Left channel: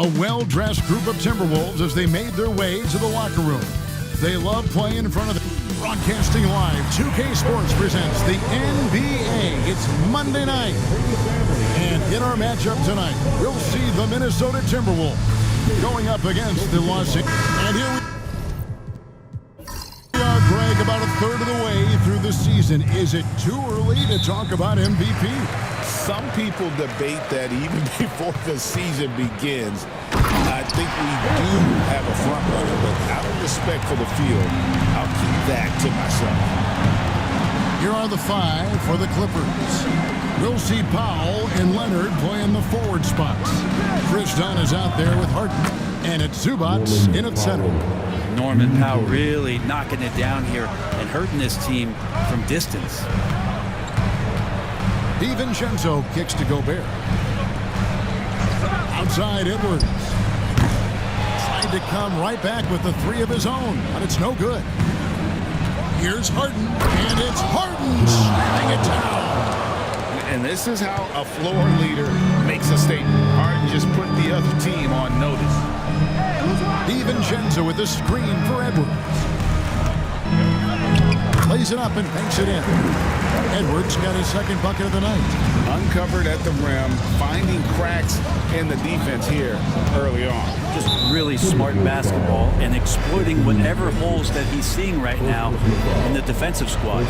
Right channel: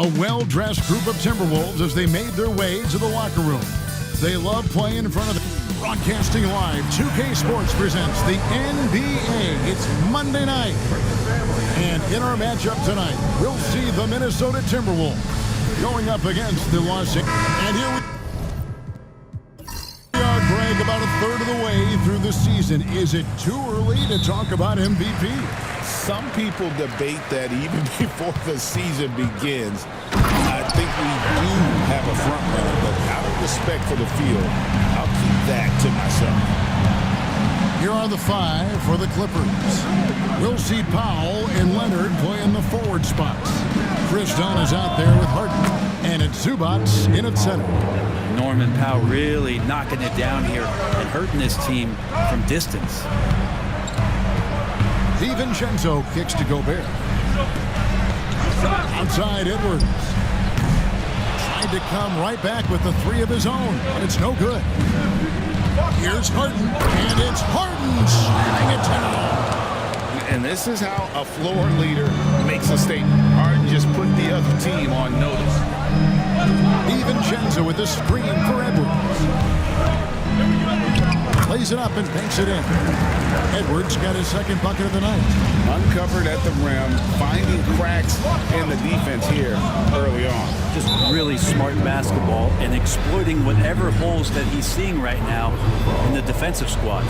A well-dressed group of Timberwolves as they made their way to the locker room. They love playing in front of the... Broadcasting live, 2K Sports presents the NBA. It's Monday night. And in our matchup tonight, we'll see the Minnesota Timberwolves going up against the Los Angeles. And here we are, Greg, about a third of the way through the season. Is it too early to talk about MVP? Some people debate that even before the season begins. I think we do have a front runner, but out of respect for the field, I'll keep that to myself. Here are the five for the Clippers. We'll see Powell and Leonard play in the forward spots. Chris Dunn is out there with Harden, and it's Zubats in at center. Norman Powell really knocking it down here and hurting this team from distance. DiVincenzo kicks to Gobert. Outside Edwards. Tried to come right back with the three of his own, but it's no good. Here's Harden, and it's Harden slamming it down. And this is how a floor leader makes a statement. Harden just put the other team on notice. DiVincenzo with a screen for Edwards. Plays it up and banks it in. Edwards got his second bucket of the night. Uncovered at the rim, finding cracks in the defense here early on. Just really smart basketball and exploiting whatever holes that he's seeing right now in the defensive squad.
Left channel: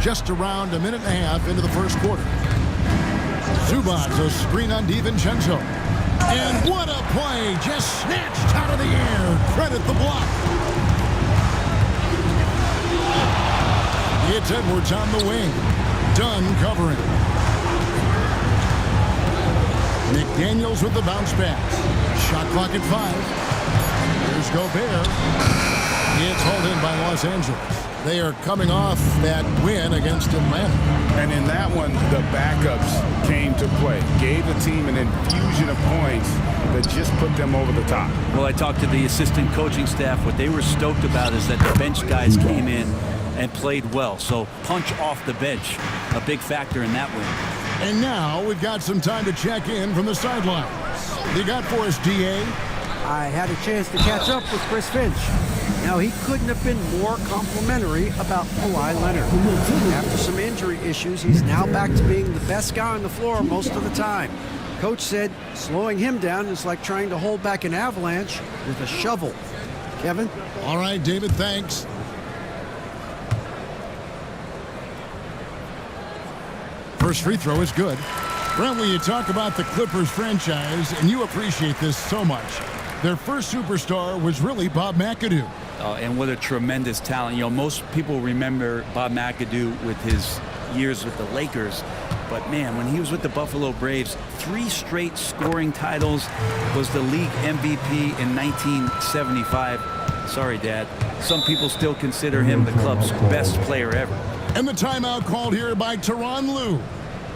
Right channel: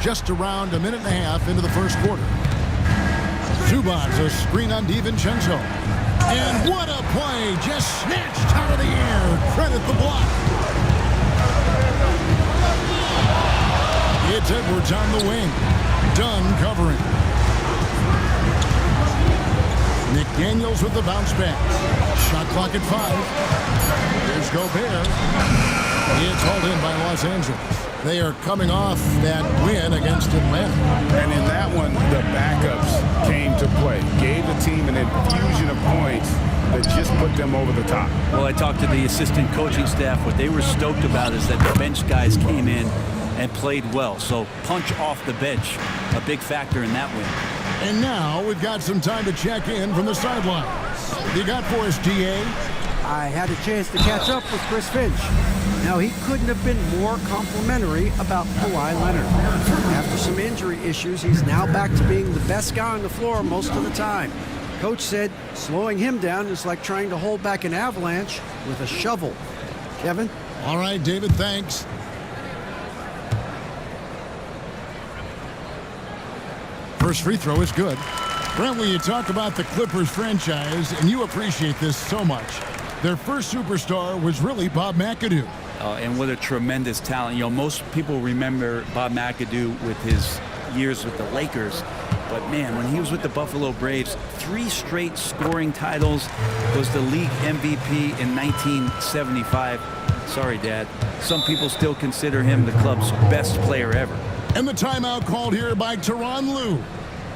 Just around a minute and a half into the first quarter. Zubats a screen on DiVincenzo. And what a play, just snatched out of the air. Credit the block. It's Edwards on the wing. Dunn covering. McDaniels with the bounce pass. Shot clock at 5. Here's Gobert. It's hauled in by Los Angeles. They are coming off that win against Atlanta. And in that one, the backups came to play. Gave the team an infusion of points that just put them over the top. Well, I talked to the assistant coaching staff. What they were stoked about is that the bench guys came in and played well. So punch off the bench, a big factor in that win. And now we've got some time to check in from the sidelines. You got for us, DA? I had a chance to catch up with Chris Finch. Now, he couldn't have been more complimentary about Kawhi Leonard. After some injury issues, he's now back to being the best guy on the floor most of the time. Coach said slowing him down is like trying to hold back an avalanche with a shovel. Kevin? All right, David, thanks. First free throw is good. Brent, when you talk about the Clippers franchise, and you appreciate this so much, their first superstar was really Bob McAdoo. And what a tremendous talent. You know, most people remember Bob McAdoo with his years with the Lakers. But, man, when he was with the Buffalo Braves, 3 straight scoring titles, was the league MVP in 1975. Sorry, Dad. Some people still consider him the club's best player ever. And the timeout called here by Tyronn Lue.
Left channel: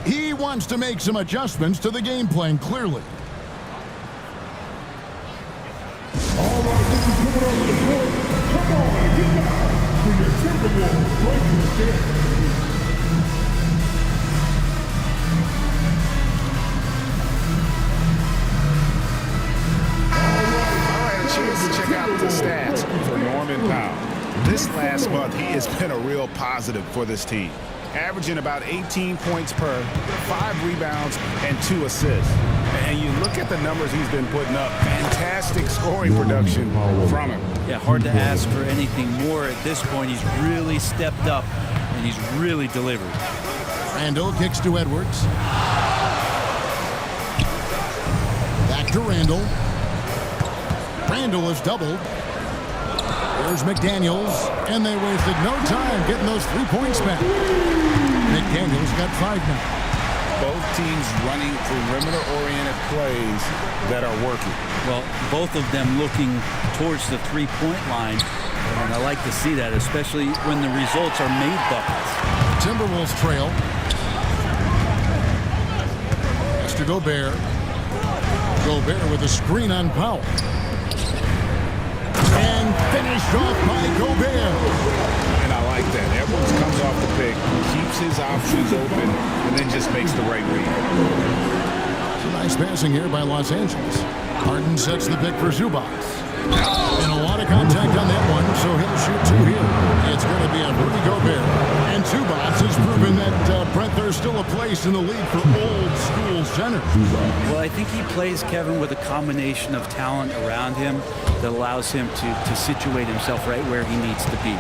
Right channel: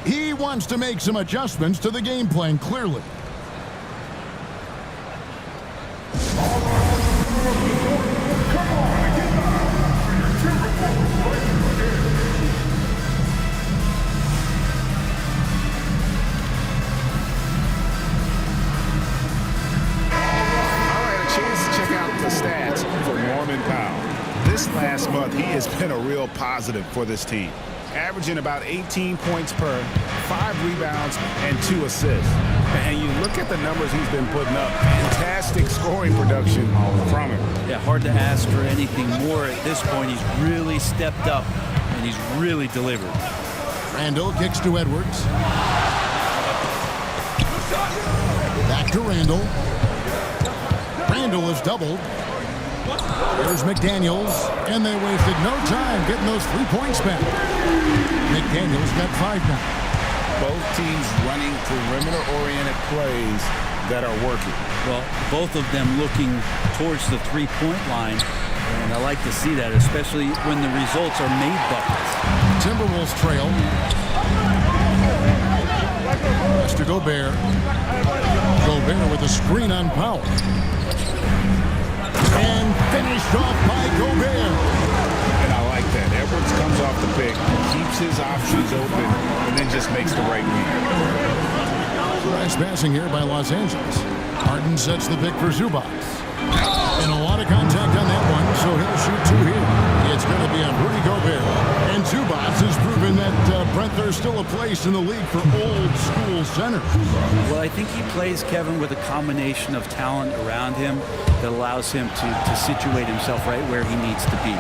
He wants to make some adjustments to the game plan, clearly. Chance to check out the stats for Norman Powell. This last month, he has been a real positive for this team, averaging about 18 points per, 5 rebounds, and 2 assists. And you look at the numbers he's been putting up, fantastic scoring production from him. Yeah, hard to ask for anything more at this point. He's really stepped up, and he's really delivered. Randall kicks to Edwards. Back to Randall. Randall is doubled. There's McDaniels, and they wasted no time getting those 3 points back. McDaniels got 5 now. Both teams running perimeter-oriented plays that are working. Well, both of them looking towards the three-point line, and I like to see that, especially when the results are made buckets. Timberwolves trail. That's to Gobert. Gobert with a screen on Powell. And finished off by Gobert. And I like that. Edwards comes off the pick, keeps his options open, and then just makes the right read. Nice passing here by Los Angeles. Harden sets the pick for Zubac. And a lot of contact on that one, so he'll shoot two here. It's going to be on Rudy Gobert. And Zubac has proven that, Brent, there's still a place in the league for old-school centers. Well, I think he plays, Kevin, with a combination of talent around him that allows him to situate himself right where he needs to be.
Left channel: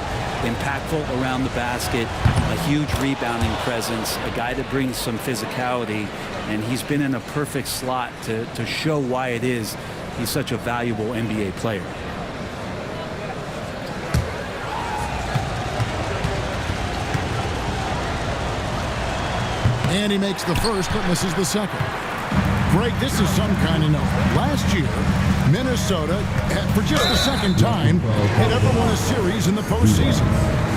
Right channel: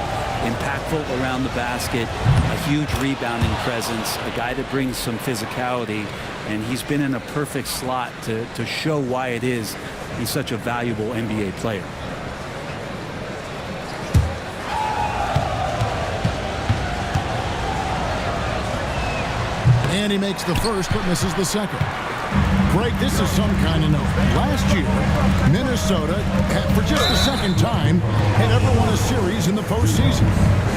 Impactful around the basket, a huge rebounding presence, a guy that brings some physicality, and he's been in a perfect slot to show why it is he's such a valuable NBA player. And he makes the first, but misses the second. Greg, this is some kind of note. Last year, Minnesota, for just the second time, had ever won a series in the postseason.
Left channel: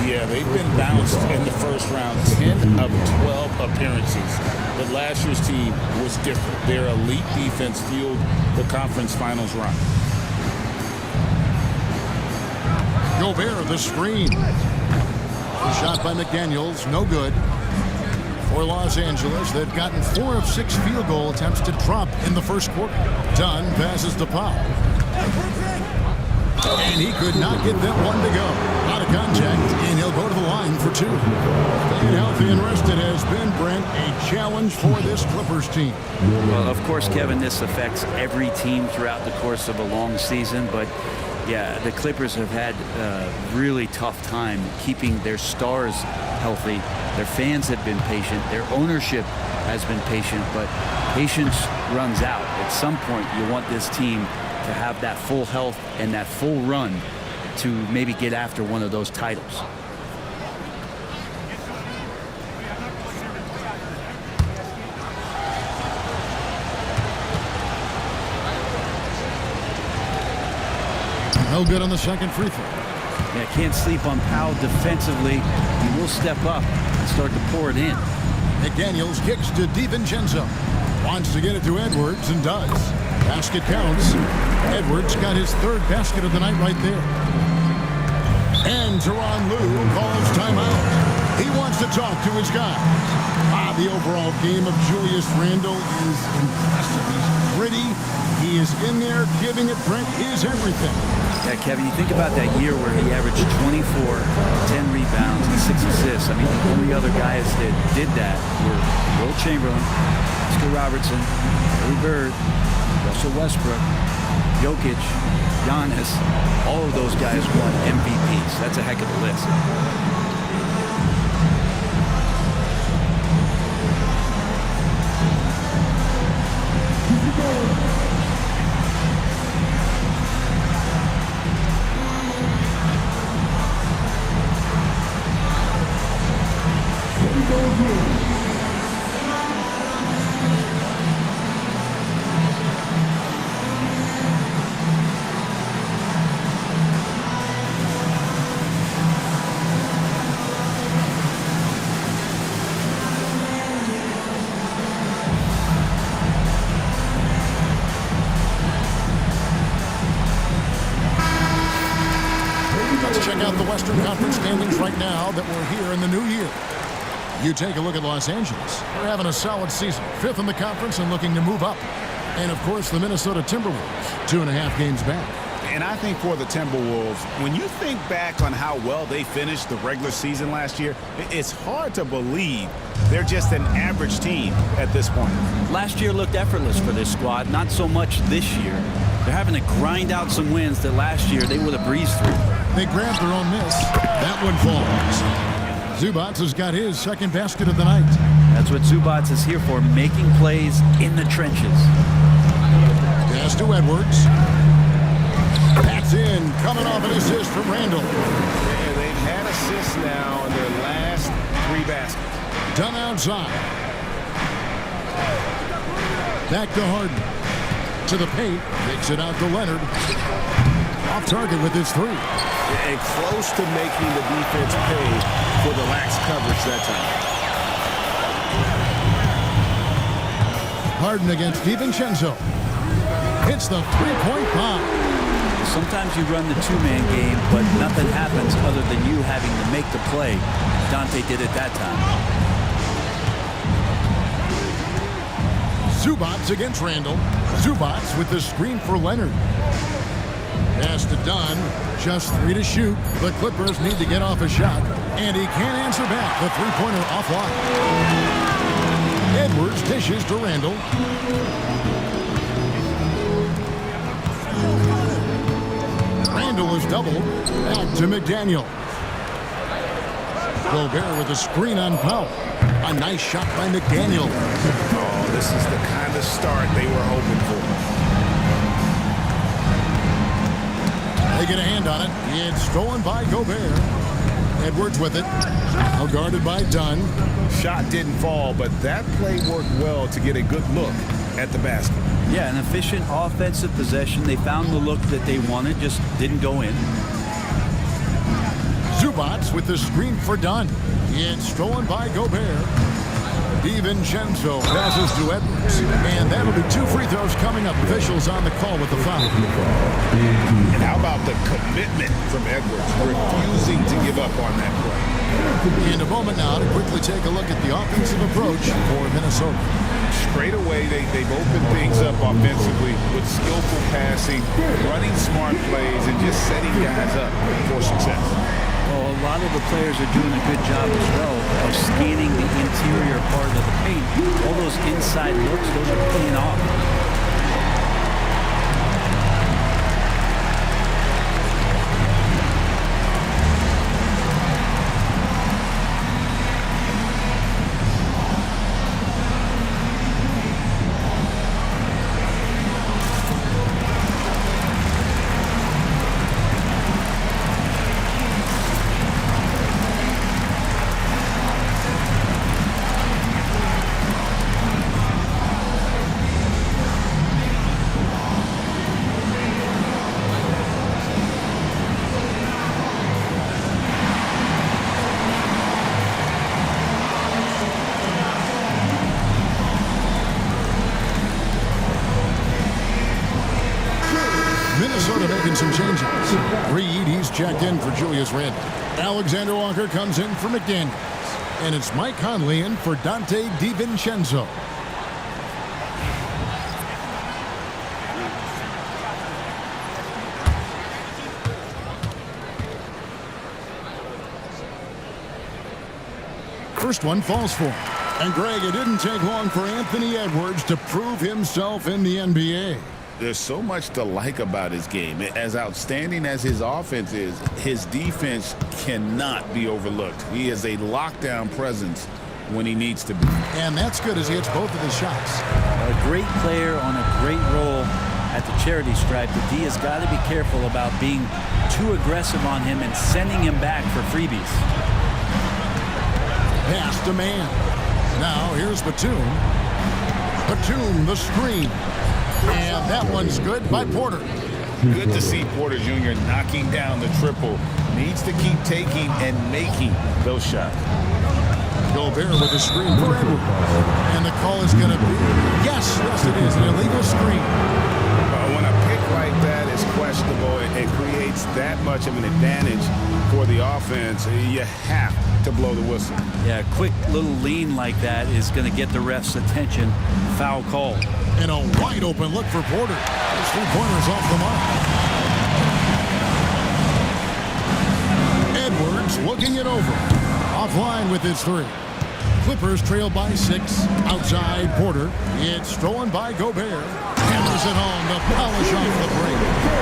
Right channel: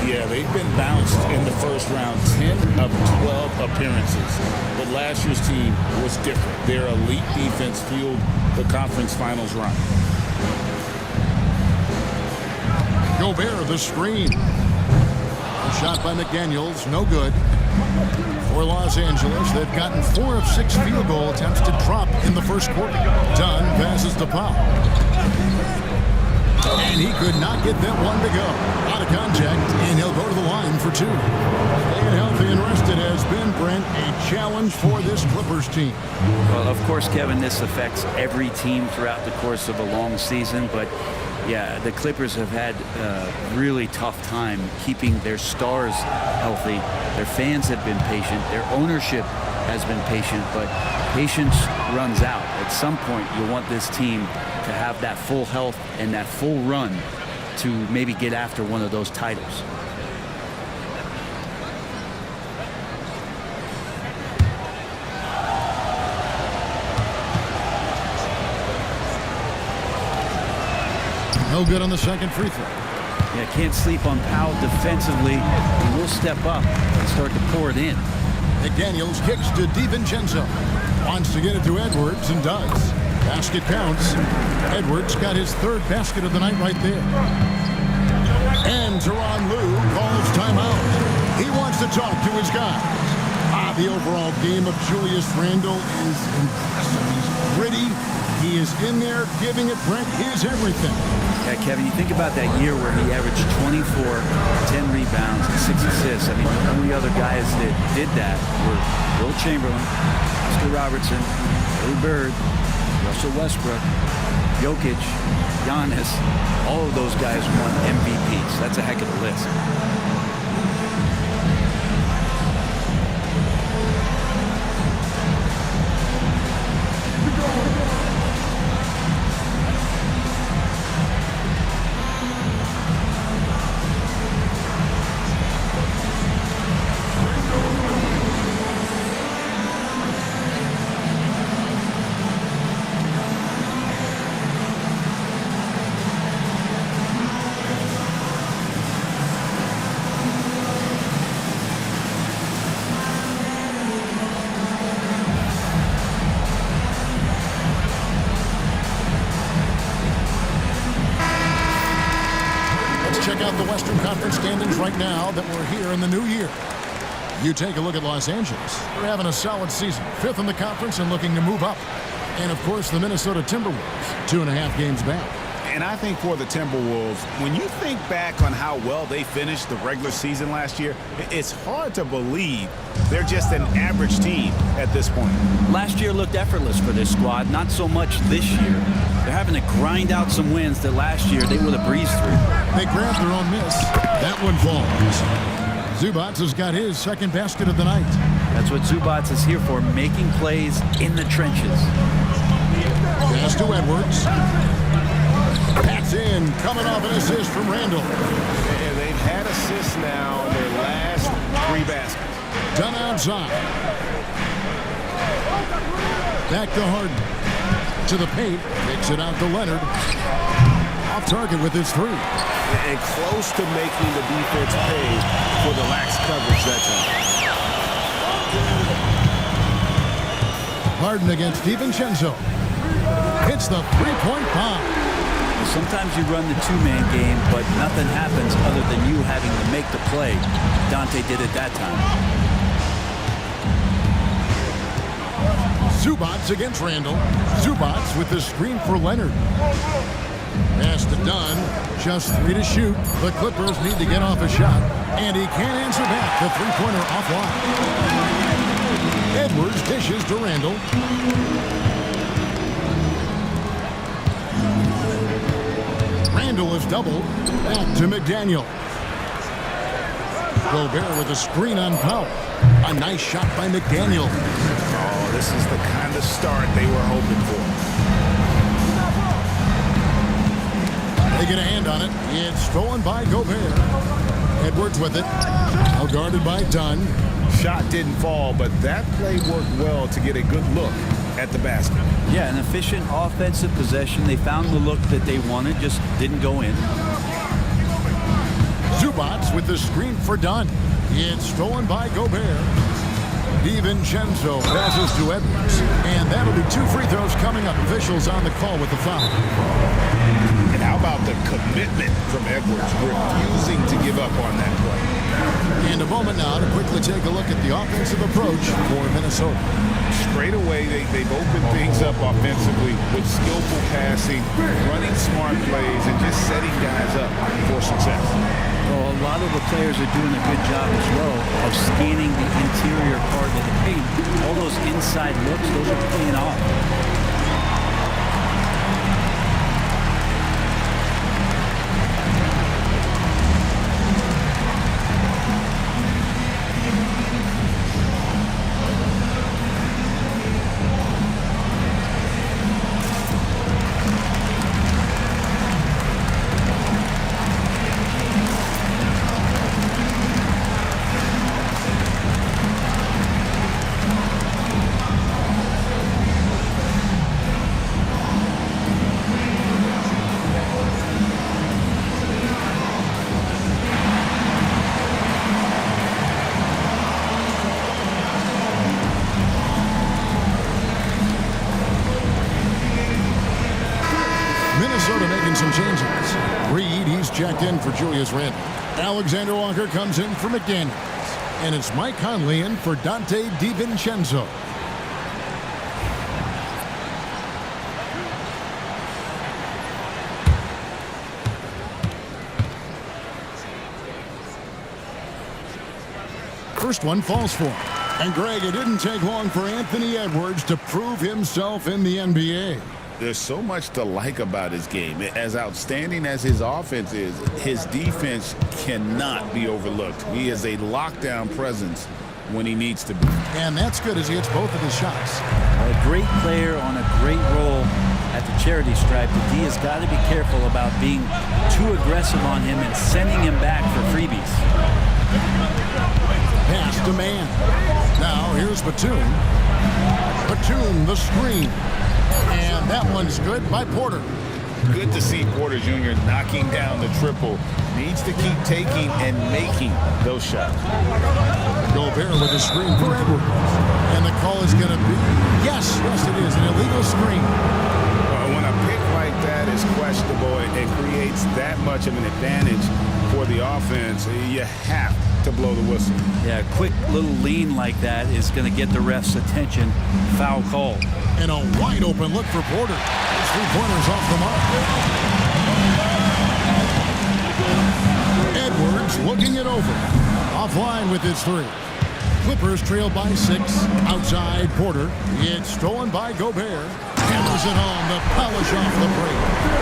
Yeah, they've been bounced in the first round, 10 of 12 appearances. But last year's team was different. Their elite defense fueled the conference finals run. Gobert, the screen. The shot by McDaniels, no good. For Los Angeles, they've gotten 4 of 6 field goal attempts to drop in the first quarter. Dunn passes to Powell. And he could not get that one to go. Out of contact, and he'll go to the line for 2. Staying healthy and rested has been, Brent, a challenge for this Clippers team. Well, of course, Kevin, this affects every team throughout the course of a long season, but yeah, the Clippers have had a really tough time keeping their stars healthy. Their fans have been patient. Their ownership has been patient, but patience runs out. At some point, you want this team to have that full health and that full run to maybe get after one of those titles. No good on the second free throw. Yeah, can't sleep on Powell defensively. He will step up and start to pour it in. McDaniels kicks to DiVincenzo. Wants to get it to Edwards and does. Basket counts. Edwards got his 3rd basket of the night right there. And Tyronn Lue calls timeout. He wants to talk to his guys. The overall game of Julius Randle is impressive. He's gritty. He is in there giving it, Brent, his everything. Yeah, Kevin, you think about that year where he averaged 24, 10 rebounds, and 6 assists. I mean, the only other guys that did that were Will Chamberlain, Oscar Robertson, Larry Bird, Russell Westbrook, Jokic, Giannis. All of those guys won MVPs. That's a heck of a list. Check out the Western Conference standings right now that we're here in the new year. You take a look at Los Angeles. They're having a solid season. 5th in the conference and looking to move up. And, of course, the Minnesota Timberwolves, 2.5 games back. And I think for the Timberwolves, when you think back on how well they finished the regular season last year, it's hard to believe they're just an average team at this point. Last year looked effortless for this squad, not so much this year. They're having to grind out some wins that last year they would have breezed through. They grabbed their own miss. That one falls. Zubac has got his 2nd basket of the night. That's what Zubac is here for, making plays in the trenches. Pass to Edwards. That's in, coming off an assist from Randle. And they've had assists now in their last 3 baskets. Done outside. Back to Harden. To the paint. Kicks it out to Leonard. Off target with his 3. And close to making the defense pay for the lax coverage that time. Harden against DiVincenzo. Hits the 3-point bomb. Well, sometimes you run the two-man game, but nothing happens other than you having to make the play. Dante did it that time. Zubats against Randall. Zubats with the screen for Leonard. Pass to Dunn. Just 3 to shoot. The Clippers need to get off a shot, and he can't answer back. The three-pointer offline. Edwards dishes to Randall. Randall is doubled. Back to McDaniel. Gobert with a screen on Powell. A nice shot by McDaniel. Oh, this is the kind of start they were hoping for. They get a hand on it. It's stolen by Gobert. Edwards with it. Now guarded by Dunn. Shot didn't fall, but that play worked well to get a good look at the basket. Yeah, an efficient offensive possession. They found the look that they wanted, just didn't go in. Zubats with the screen for Dunn. It's stolen by Gobert. DiVincenzo passes to Edwards. And that'll be 2 free throws coming up. Officials on the call with the foul. And how about the commitment from Edwards, refusing to give up on that play. And a moment now to quickly take a look at the offensive approach for Minnesota. Straight away, they've opened things up offensively with skillful passing, running smart plays, and just setting guys up for success. Well, a lot of the players are doing a good job as well of scanning the interior part of the paint. All those inside looks, those are paying off. Minnesota making some changes. Reed, he's checked in for Julius Randle. Alexander Walker comes in for McDaniels. And it's Mike Conley in for Dante DiVincenzo. First one falls for him. And Greg, it didn't take long for Anthony Edwards to prove himself in the NBA. There's so much to like about his game. As outstanding as his offense is, his defense cannot be overlooked. He is a lockdown presence when he needs to be. And that's good as he hits both of his shots. A great player on a great role at the charity stripe. The D has got to be careful about being too aggressive on him and sending him back for freebies. Pass to man. Now here's Batum. Batum, the screen. And that one's good by Porter. Good to see Porter Jr. knocking down the triple. Needs to keep taking and making those shots. Gobert with a screen for Edwards. And the call is going to be, yes, it is, an illegal screen. When a pick like that is questionable, it creates that much of an advantage for the offense. You have to blow the whistle. Yeah, a quick little lean like that is going to get the ref's attention. Foul call. And a wide open look for Porter. His three-pointers off the mark. Edwards looking it over. Offline with his three. Clippers trail by 6. Outside Porter. It's stolen by Gobert. Hammers it home to polish off the break.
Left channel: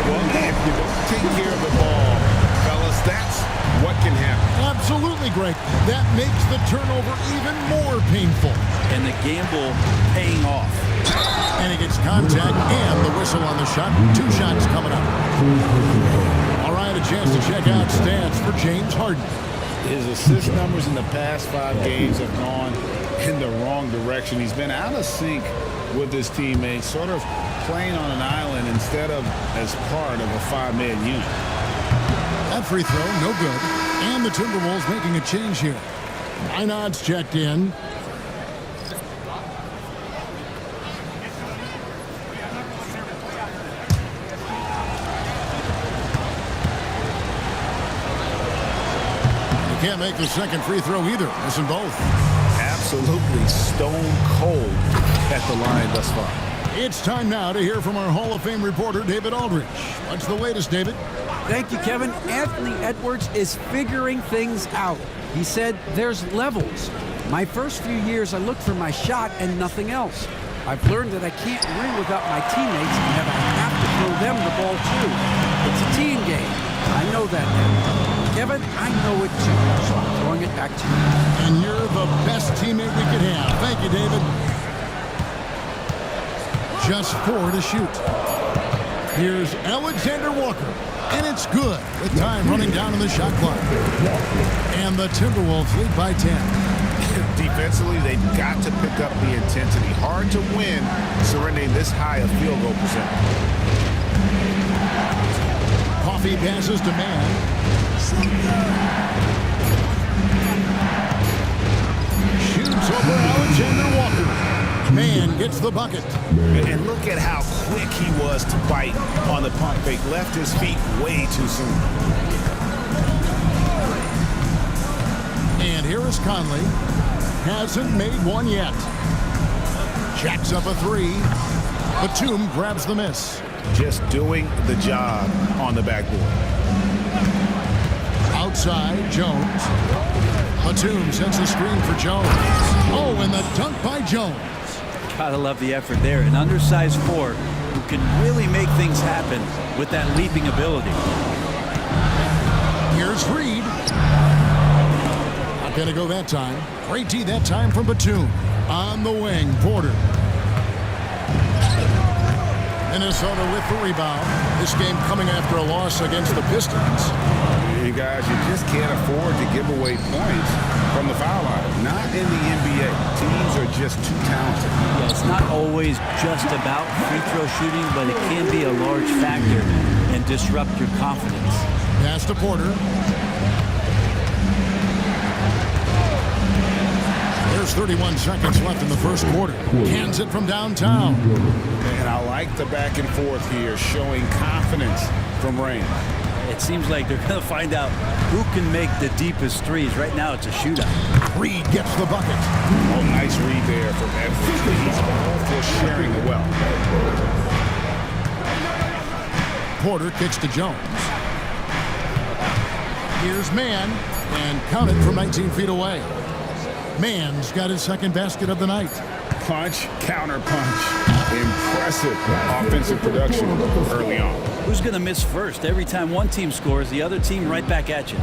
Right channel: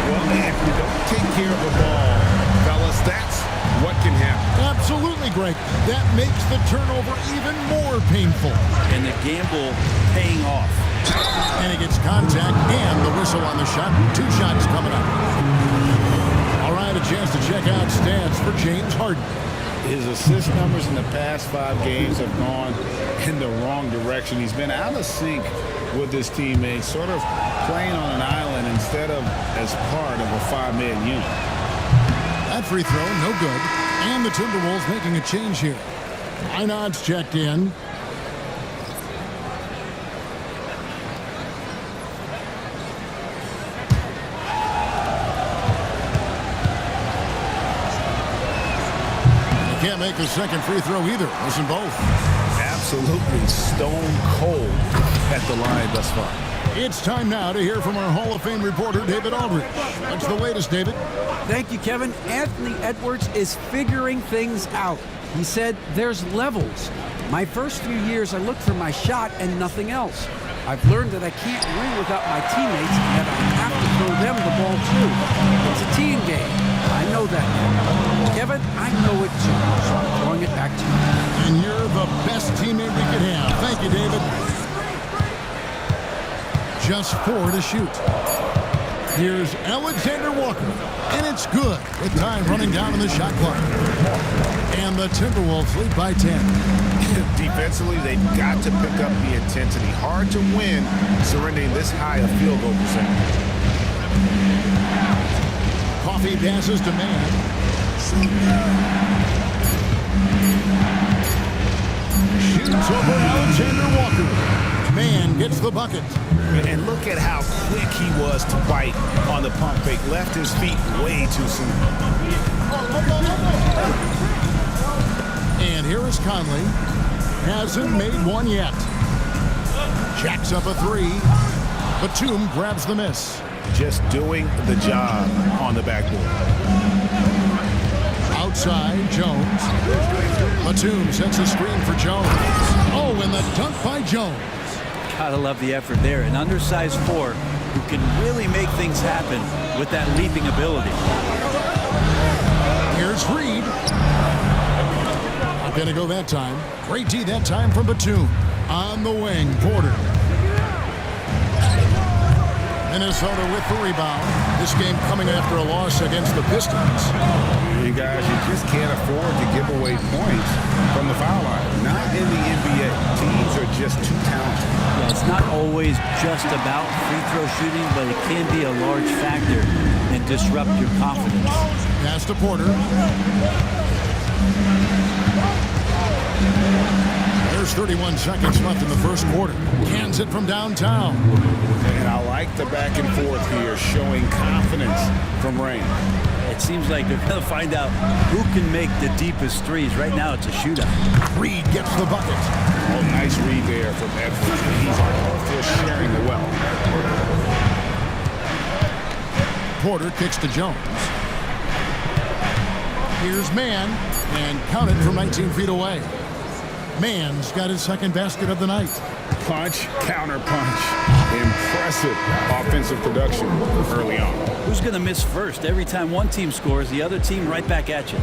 Well, if you don't take care of the ball, fellas, that's what can happen. Absolutely, Greg. That makes the turnover even more painful. And the gamble paying off. And he gets contact and the whistle on the shot. 2 shots coming up. All right, a chance to check out stats for James Harden. His assist numbers in the past 5 games have gone in the wrong direction. He's been out of sync with his teammates, sort of playing on an island instead of as part of a 5-man unit. That free throw, no good. And the Timberwolves making a change here. Einod's checked in. can't make the second free throw either. Missing both. Absolutely stone cold at the line thus far. It's time now to hear from our Hall of Fame reporter, David Aldridge. What's the latest, David? Thank you, Kevin. Anthony Edwards is figuring things out. He said there's levels. My first few years, I looked for my shot and nothing else. I've learned that I can't win without my teammates and that I have to throw them the ball too. It's a team game. I know that now. Kevin, I know it too, so I'm throwing it back to you. And you're the best teammate we could have. Thank you, David. Just 4 to shoot. Here's Alexander Walker, and it's good with time running down on the shot clock. And the Timberwolves lead by 10. Defensively, they've got to pick up the intensity. Hard to win surrendering this high a field goal percentage. Coffee passes to Mann. Shoots over Alexander Walker. Mann gets the bucket. And look at how quick he was to bite on the pump fake. Left his feet way too soon. And here is Conley. Hasn't made one yet. Jacks up a 3. Batum grabs the miss. Just doing the job on the backboard. Outside, Jones. Batum sets a screen for Jones. Oh, and the dunk by Jones. Gotta love the effort there. An undersized 4 who can really make things happen with that leaping ability. Here's Reed. Not gonna go that time. Great D that time from Batum. On the wing, Porter. Minnesota with the rebound. This game coming after a loss against the Pistons. You guys, you just can't afford to give away points from the foul line. Not in the NBA. Teams are just too talented. Yeah, it's not always just about free throw shooting, but it can be a large factor and disrupt your confidence. Pass to Porter. There's 31 seconds left in the first quarter. Cans it from downtown. And I like the back and forth here, showing confidence from Rain. It seems like they're going to find out who can make the deepest threes. Right now, it's a shootout. Reed gets the bucket. Oh, nice read there from Edwards. He's all for sharing the wealth. Porter kicks to Jones. Here's Mann, and count it from 19 feet away. Mann's got his second basket of the night. Punch, counter punch. Impressive offensive production early on. Who's going to miss first? Every time one team scores, the other team right back at you.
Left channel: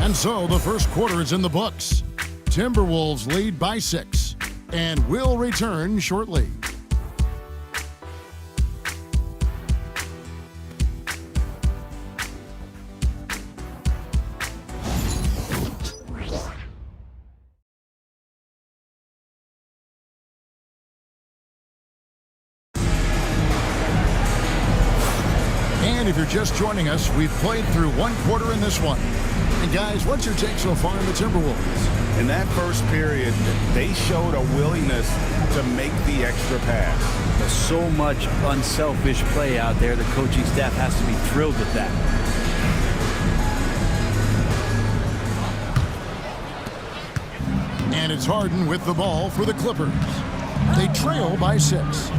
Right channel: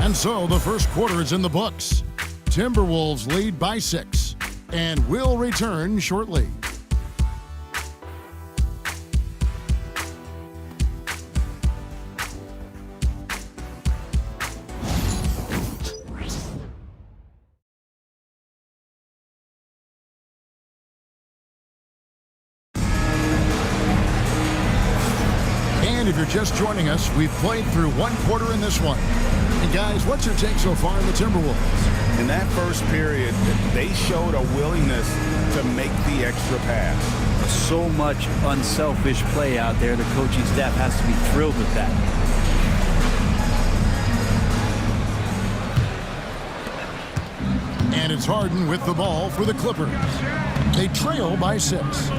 And so the first quarter is in the books. Timberwolves lead by 6 and will return shortly. And if you're just joining us, we've played through one quarter in this one. And guys, what's your take so far on the Timberwolves? In that first period, they showed a willingness to make the extra pass. There's so much unselfish play out there. The coaching staff has to be thrilled with that. And it's Harden with the ball for the Clippers. They trail by 6.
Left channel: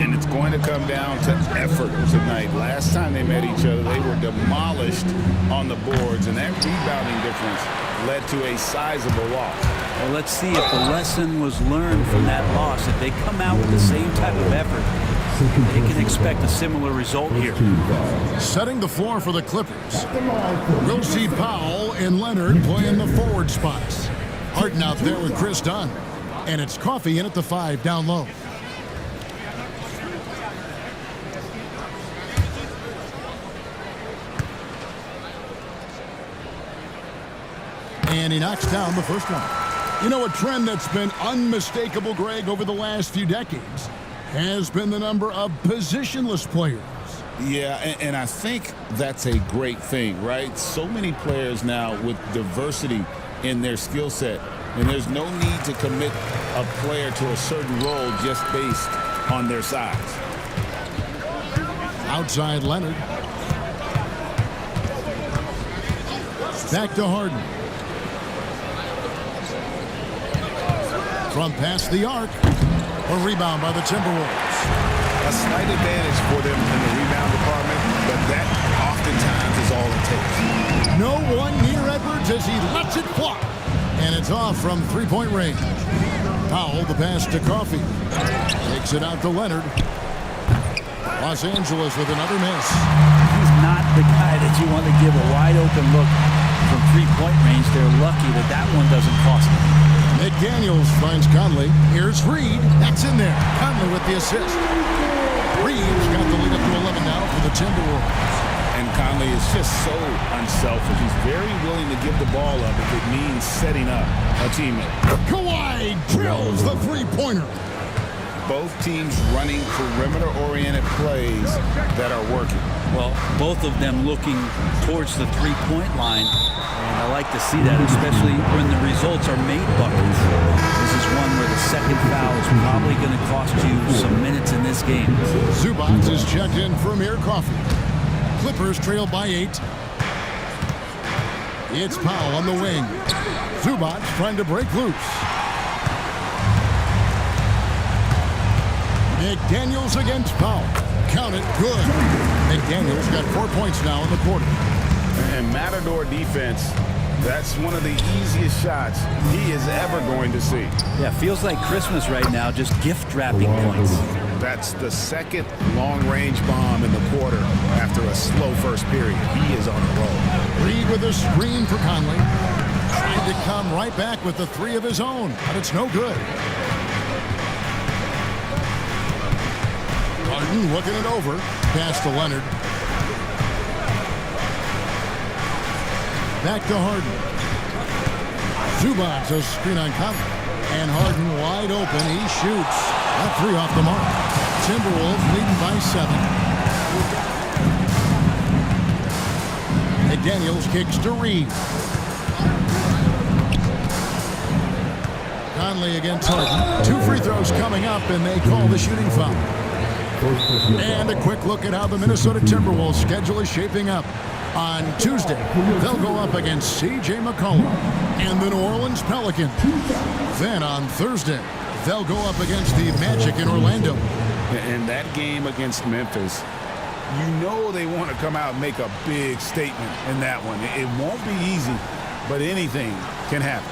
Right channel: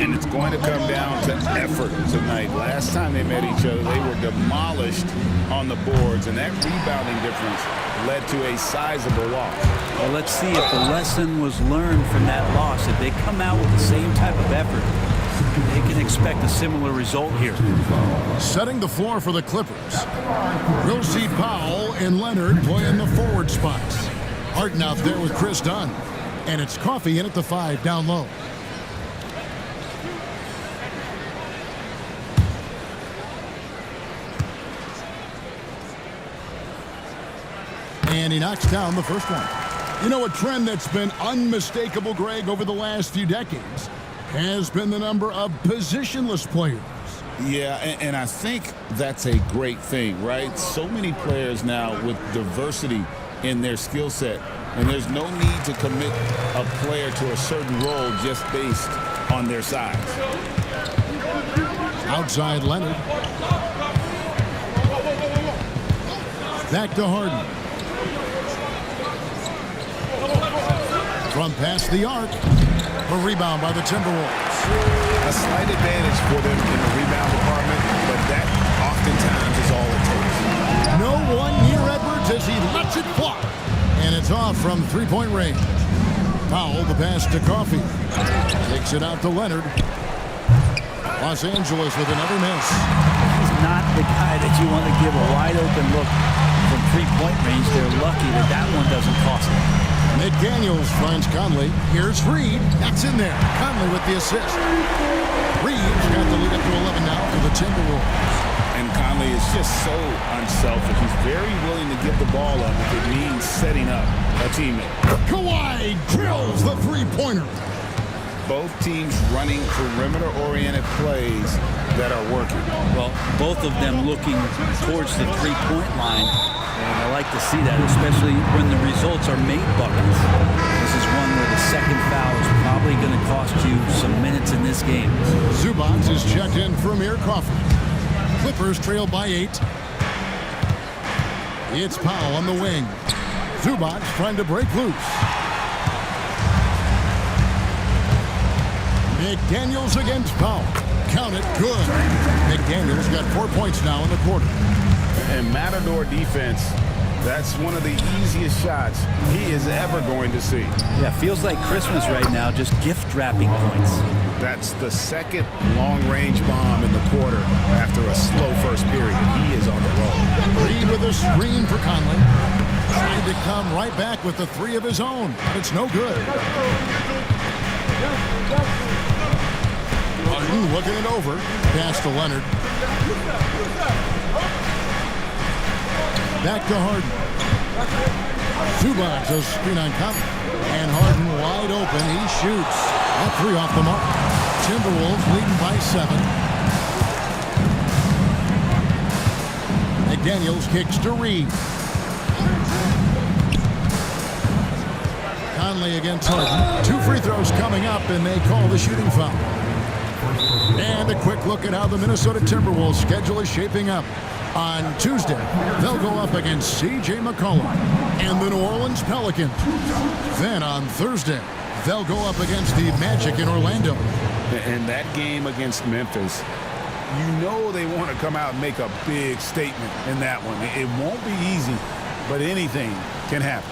And it's going to come down to effort tonight. Last time they met each other, they were demolished on the boards, and that rebounding difference led to a sizable loss. Well, let's see if the lesson was learned from that loss. If they come out with the same type of effort, they can expect a similar result here. Setting the floor for the Clippers. We'll see Powell and Leonard playing the forward spots. Harden out there with Chris Dunn. And it's Coffee in at the 5 down low. And he knocks down the first one. You know, a trend that's been unmistakable, Greg, over the last few decades has been the number of positionless players. Yeah, and I think that's a great thing, right? So many players now with diversity in their skill set, and there's no need to commit a player to a certain role just based on their size. Outside Leonard. Back to Harden. from past the arc. A rebound by the Timberwolves. A slight advantage for them in the rebound department, but that oftentimes is all it takes. No one near Edwards as he lets it fly. And it's off from three-point range. Powell, the pass to Coffey. Takes it out to Leonard. Los Angeles with another miss. He's not the guy that you want to give a wide-open look from three-point range. They're lucky that that one doesn't cost them. McDaniels finds Conley. Here's Reed. That's in there. Conley with the assist. Reed's got the lead up to 11 now for the Timberwolves. And Conley is just so unselfish. He's very willing to give the ball up if it means setting up a teammate. Kawhi drills the three-pointer. Both teams running perimeter-oriented plays that are working. Well, both of them looking towards the three-point line. And I like to see that, especially when the results are made buckets. This is one where the second foul is probably going to cost you some minutes in this game. Zubac is checked in for Amir Coffey. Clippers trail by 8. It's Powell on the wing. Zubac trying to break loose. McDaniels against Powell. Count it, good. McDaniels got 4 points now in the quarter. And Matador defense, that's one of the easiest shots he is ever going to see. Yeah, feels like Christmas right now, just gift wrapping points. That's the second long-range bomb in the quarter after a slow first period. He is on the roll. Reed with a screen for Conley. Trying to come right back with the three of his own, but it's no good. Harden looking it over. Pass to Leonard. Back to Harden. Zubac, a screen on Conley. And Harden wide open. He shoots. That three off the mark. Timberwolves leading by 7. McDaniels kicks to Reed. Conley against Harden. 2 free throws coming up, and they call the shooting foul. And a quick look at how the Minnesota Timberwolves schedule is shaping up. On Tuesday, they'll go up against C.J. McCollum and the New Orleans Pelicans. Then on Thursday, they'll go up against the Magic in Orlando. And that game against Memphis, you know they want to come out and make a big statement in that one. It won't be easy, but anything can happen.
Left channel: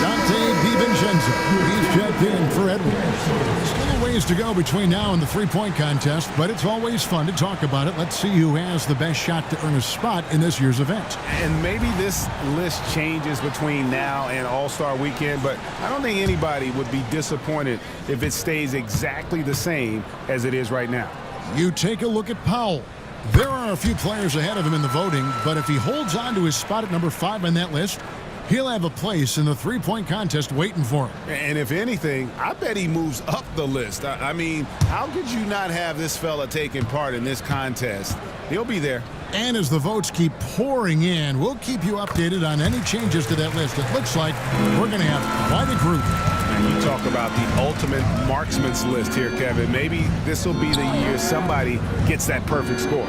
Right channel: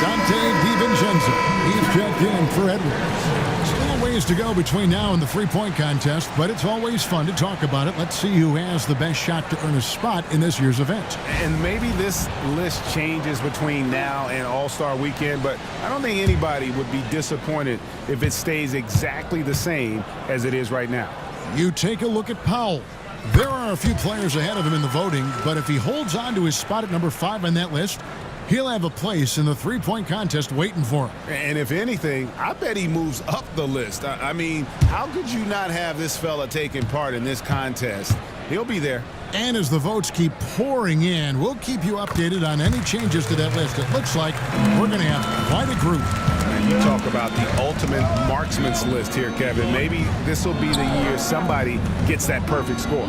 Dante DiVincenzo. He's checked in for Edwards. Still a ways to go between now and the three-point contest, but it's always fun to talk about it. Let's see who has the best shot to earn a spot in this year's event. And maybe this list changes between now and All-Star Weekend, but I don't think anybody would be disappointed if it stays exactly the same as it is right now. You take a look at Powell. There are a few players ahead of him in the voting, but if he holds on to his spot at number 5 on that list, he'll have a place in the three-point contest waiting for him. And if anything, I bet he moves up the list. I mean, how could you not have this fella taking part in this contest? He'll be there. And as the votes keep pouring in, we'll keep you updated on any changes to that list. It looks like we're going to have quite a group. Man, you talk about the ultimate marksman's list here, Kevin. Maybe this will be the year somebody gets that perfect score.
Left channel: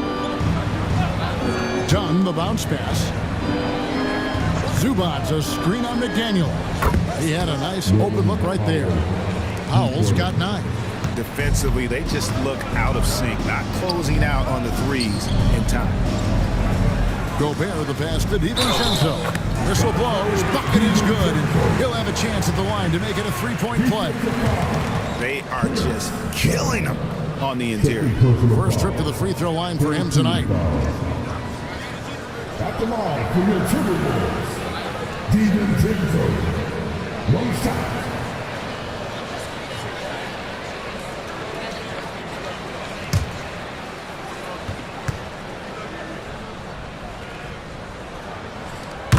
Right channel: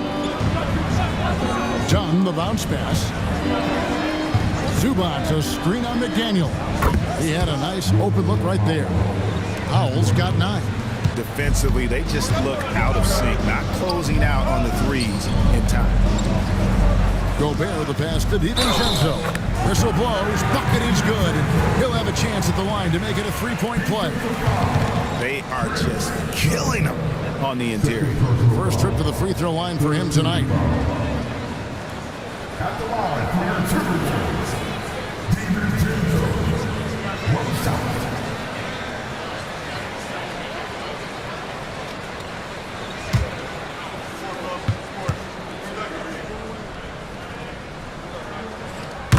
Dunn, the bounce pass. Zubac, a screen on McDaniel. He had a nice open look right there. Powell's got 9. Defensively, they just look out of sync, not closing out on the threes in time. Gobert, the pass to DiVincenzo. Whistle blows, bucket is good, and he'll have a chance at the line to make it a three-point play. They are just killing them on the interior. First trip to the free throw line for him tonight. At the line for your Timberwolves,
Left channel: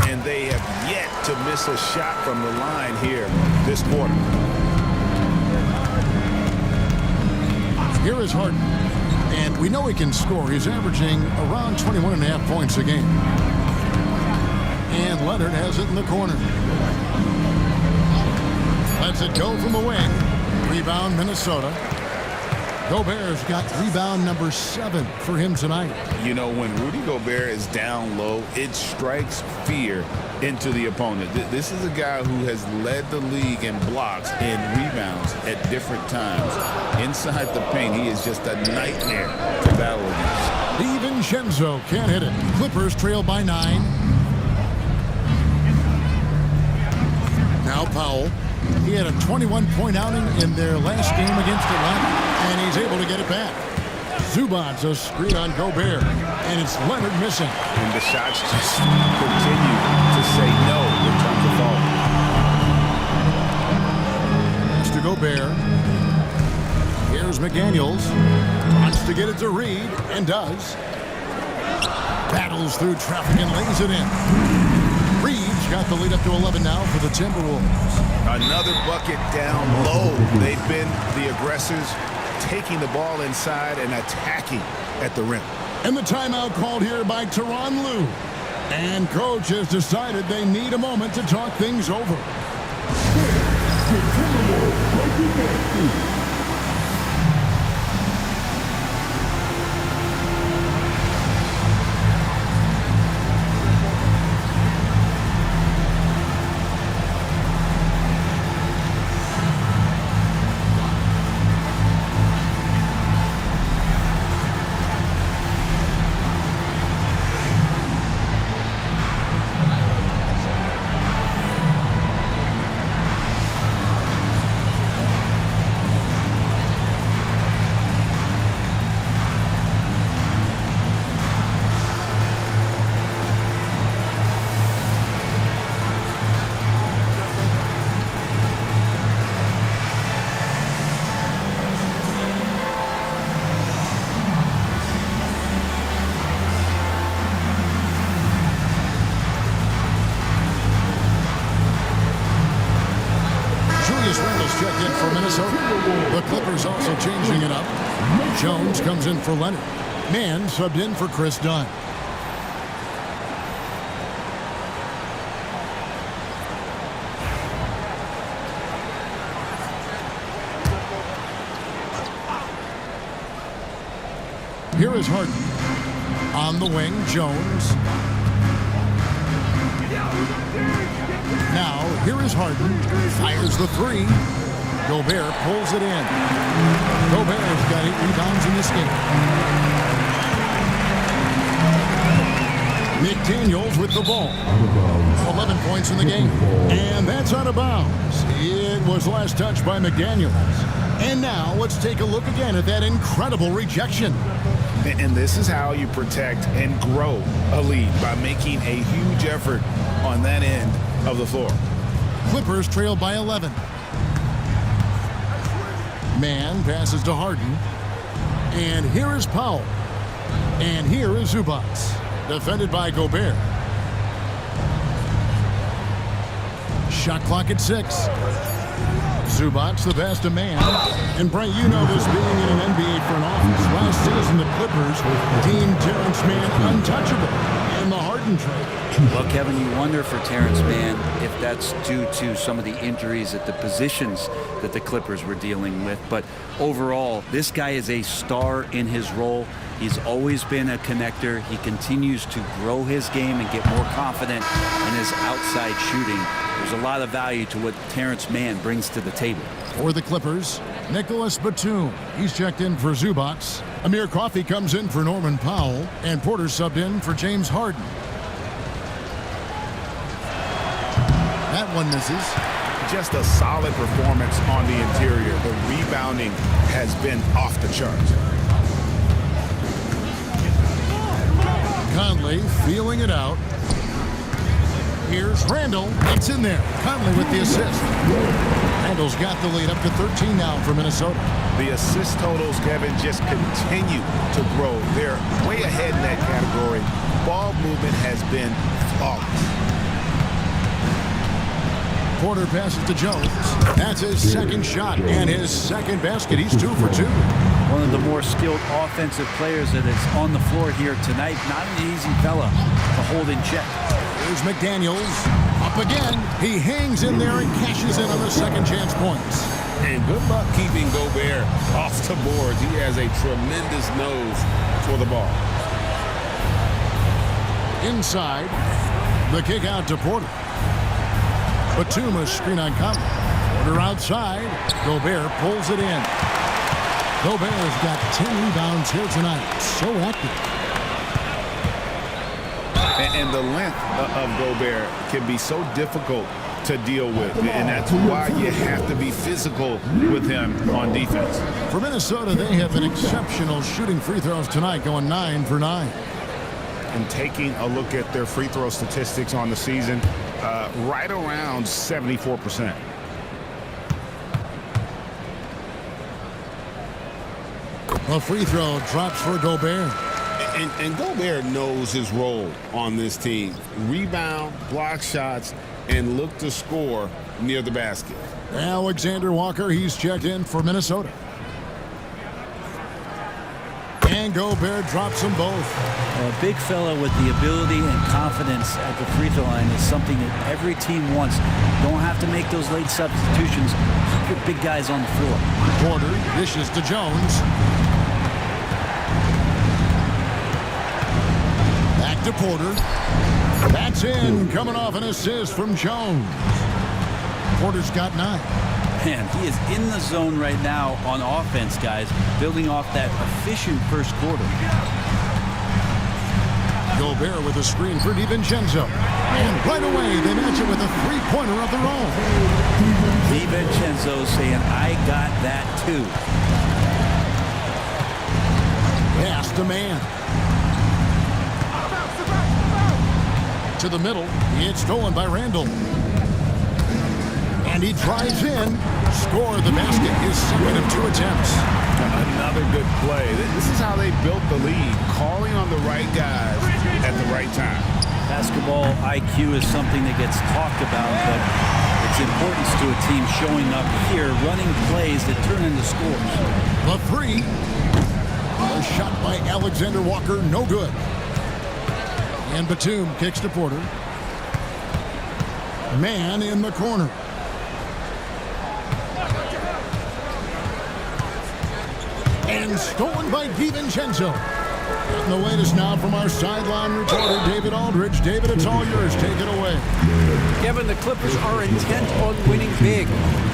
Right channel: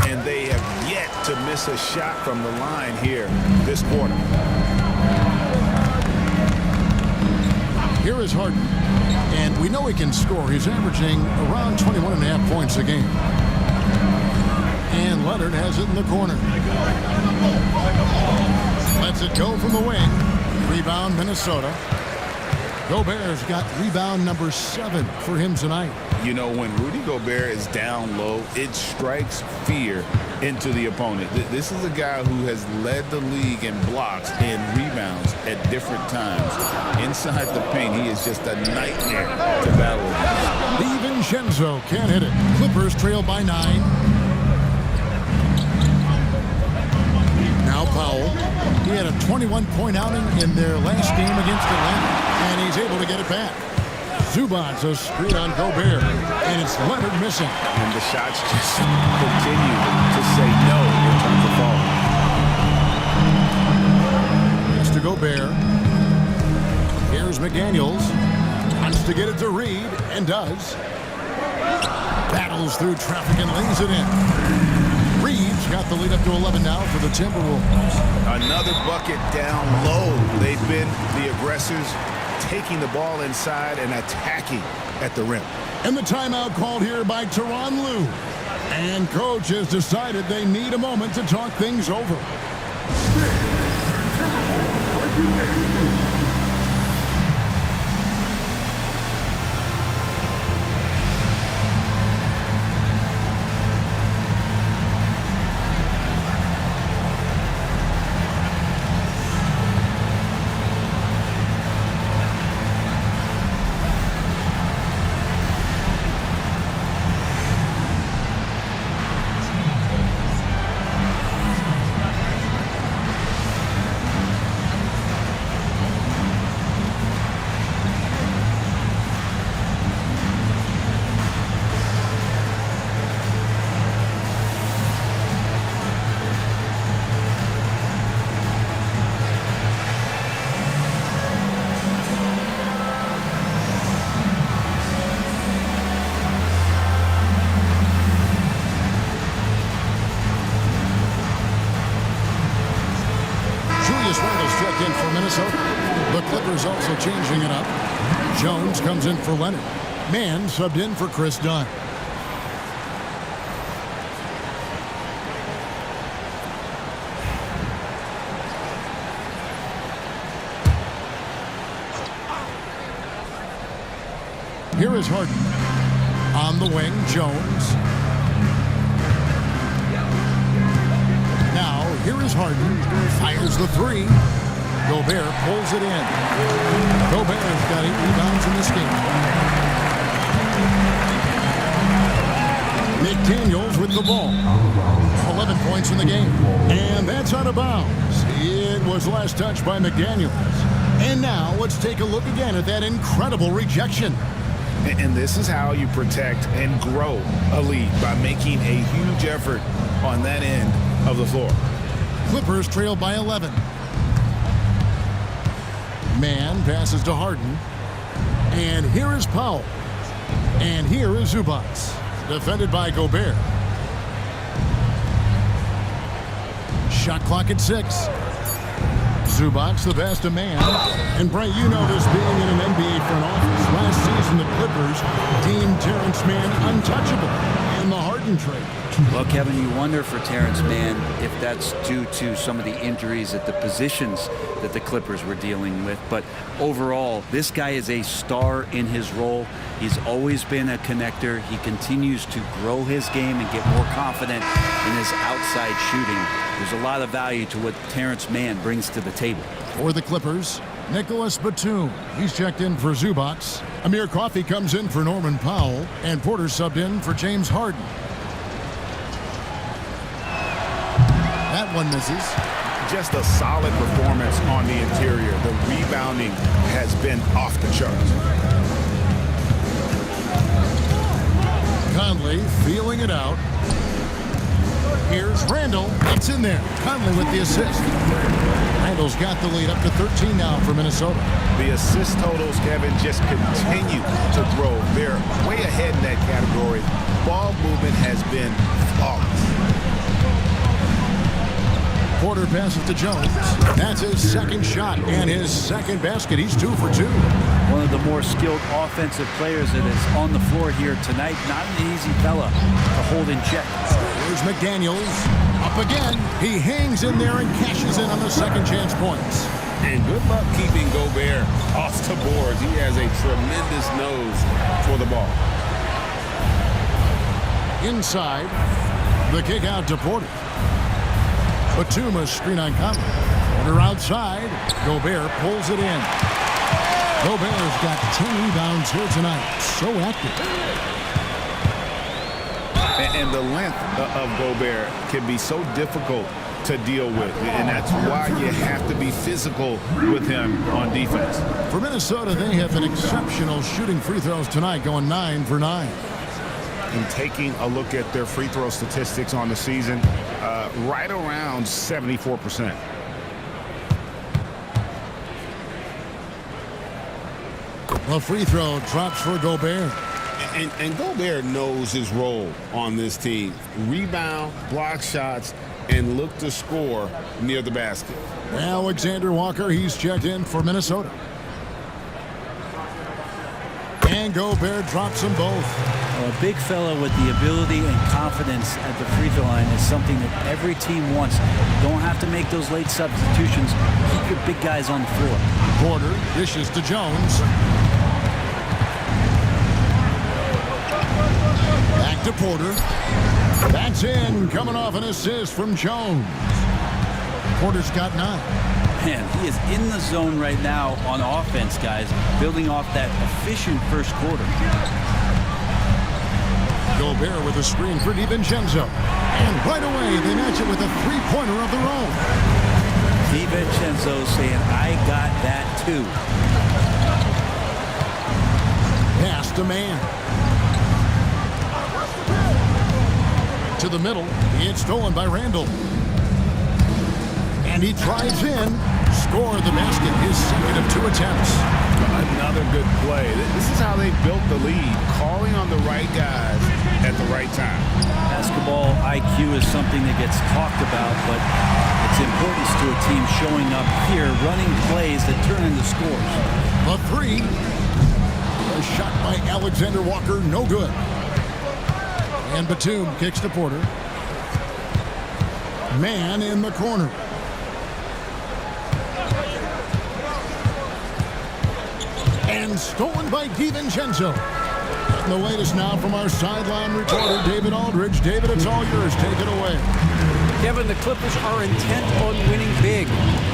And they have yet to miss a shot from the line here this quarter. Here is Harden, and we know he can score. He's averaging around 21.5 points a game. And Leonard has it in the corner. Lets it go from the wing. Rebound, Minnesota. Gobert's got rebound number 7 for him tonight. You know, when Rudy Gobert is down low, it strikes fear into the opponent. This is a guy who has led the league in blocks and rebounds at different times. Inside the paint, he is just a nightmare to battle against. DiVincenzo can't hit it. Clippers trail by 9. Now Powell. He had a 21-point outing in their last game against Atlanta, and he's able to get it back. Zubac's a screen on Gobert, and it's Leonard missing. And the shots just continue to say no in terms of falling. Pass to Gobert. Here's McDaniels. Wants to get it to Reed, and does. Battles through traffic and lays it in. Reed's got the lead up to 11 now for the Timberwolves. Another bucket down low. They've been the aggressors, taking the ball inside and attacking at the rim. And the timeout called here by Tyronn Lue. And coach has decided they need a moment to talk things over. Julius Randle's checked in for Minnesota. The Clippers also changing it up. Jones comes in for Leonard. Mann subbed in for Chris Dunn. Here is Harden. On the wing, Jones. Now, here is Harden. Fires the 3. Gobert pulls it in. Gobert's got 8 rebounds in this game. McDaniels with the ball. 11 points in the game. And that's out of bounds. It was last touched by McDaniels. And now, let's take a look again at that incredible rejection. And this is how you protect and grow a lead, by making a huge effort on that end of the floor. Clippers trail by 11. Mann passes to Harden. And here is Powell. And here is Zubac. Defended by Gobert. Shot clock at 6. Zubac the pass to Mann. And Brent, you know this being in an NBA front office. Last season, the Clippers deemed Terrence Mann untouchable in the Harden trade. Well, Kevin, you wonder for Terrence Mann if that's due to some of the injuries at the positions that the Clippers were dealing with. But overall, this guy is a star in his role. He's always been a connector. He continues to grow his game and get more confident in his outside shooting. There's a lot of value to what Terrence Mann brings to the table. For the Clippers, Nicholas Batum. He's checked in for Zubac. Amir Coffey comes in for Norman Powell. And Porter subbed in for James Harden. That one misses. Just a solid performance on the interior. The rebounding has been off the charts. Conley feeling it out. Here's Randall. It's in there. Conley with the assist. Randall's got the lead up to 13 now for Minnesota. The assist totals, Kevin, just continue to grow. They're way ahead in that category. Ball movement has been flawless. Porter passes to Jones. That's his second shot and his second basket. He's 2 for 2. One of the more skilled offensive players that is on the floor here tonight. Not an easy fella to hold in check. Here's McDaniels. Up again. He hangs in there and cashes in on the second chance points. And good luck keeping Gobert off the boards. He has a tremendous nose for the ball. Inside. The kick out to Porter. Batum, a screen on Conley. Porter outside. Gobert pulls it in. Gobert's got 10 rebounds here tonight. So active. And the length of Gobert can be so difficult to deal with. And that's why you have to be physical with him on defense. For Minnesota, they have been exceptional shooting free throws tonight, going 9 for 9. And taking a look at their free throw statistics on the season, right around 74%. A free throw drops for Gobert. And Gobert knows his role on this team. Rebound, block shots, and look to score near the basket. Alexander Walker, he's checked in for Minnesota. And Gobert drops them both. Well, a big fella with the ability and confidence at the free throw line is something that every team wants. Don't have to make those late substitutions. Keep your big guys on the floor. Porter dishes to Jones. Back to Porter. That's in, coming off an assist from Jones. Porter's got 9. Man, he is in the zone right now on offense, guys, building off that efficient first quarter. Gobert with a screen for DiVincenzo. And right away, they match it with a three-pointer of their own. DiVincenzo saying, I got that too. Pass to man. To the middle. It's stolen by Randall. And he drives in. Score the basket. His second of 2 attempts. Another good play. This is how they built the lead. Calling on the right guys at the right time. Basketball IQ is something that gets talked about, but its importance to a team showing up here, running plays that turn into scores. The 3. A shot by Alexander Walker. No good. And Batum kicks to Porter. Man in the corner. And stolen by DiVincenzo. Getting the latest now from our sideline reporter, David Aldridge. David, it's all yours. Take it away. Kevin, the Clippers are intent on winning big.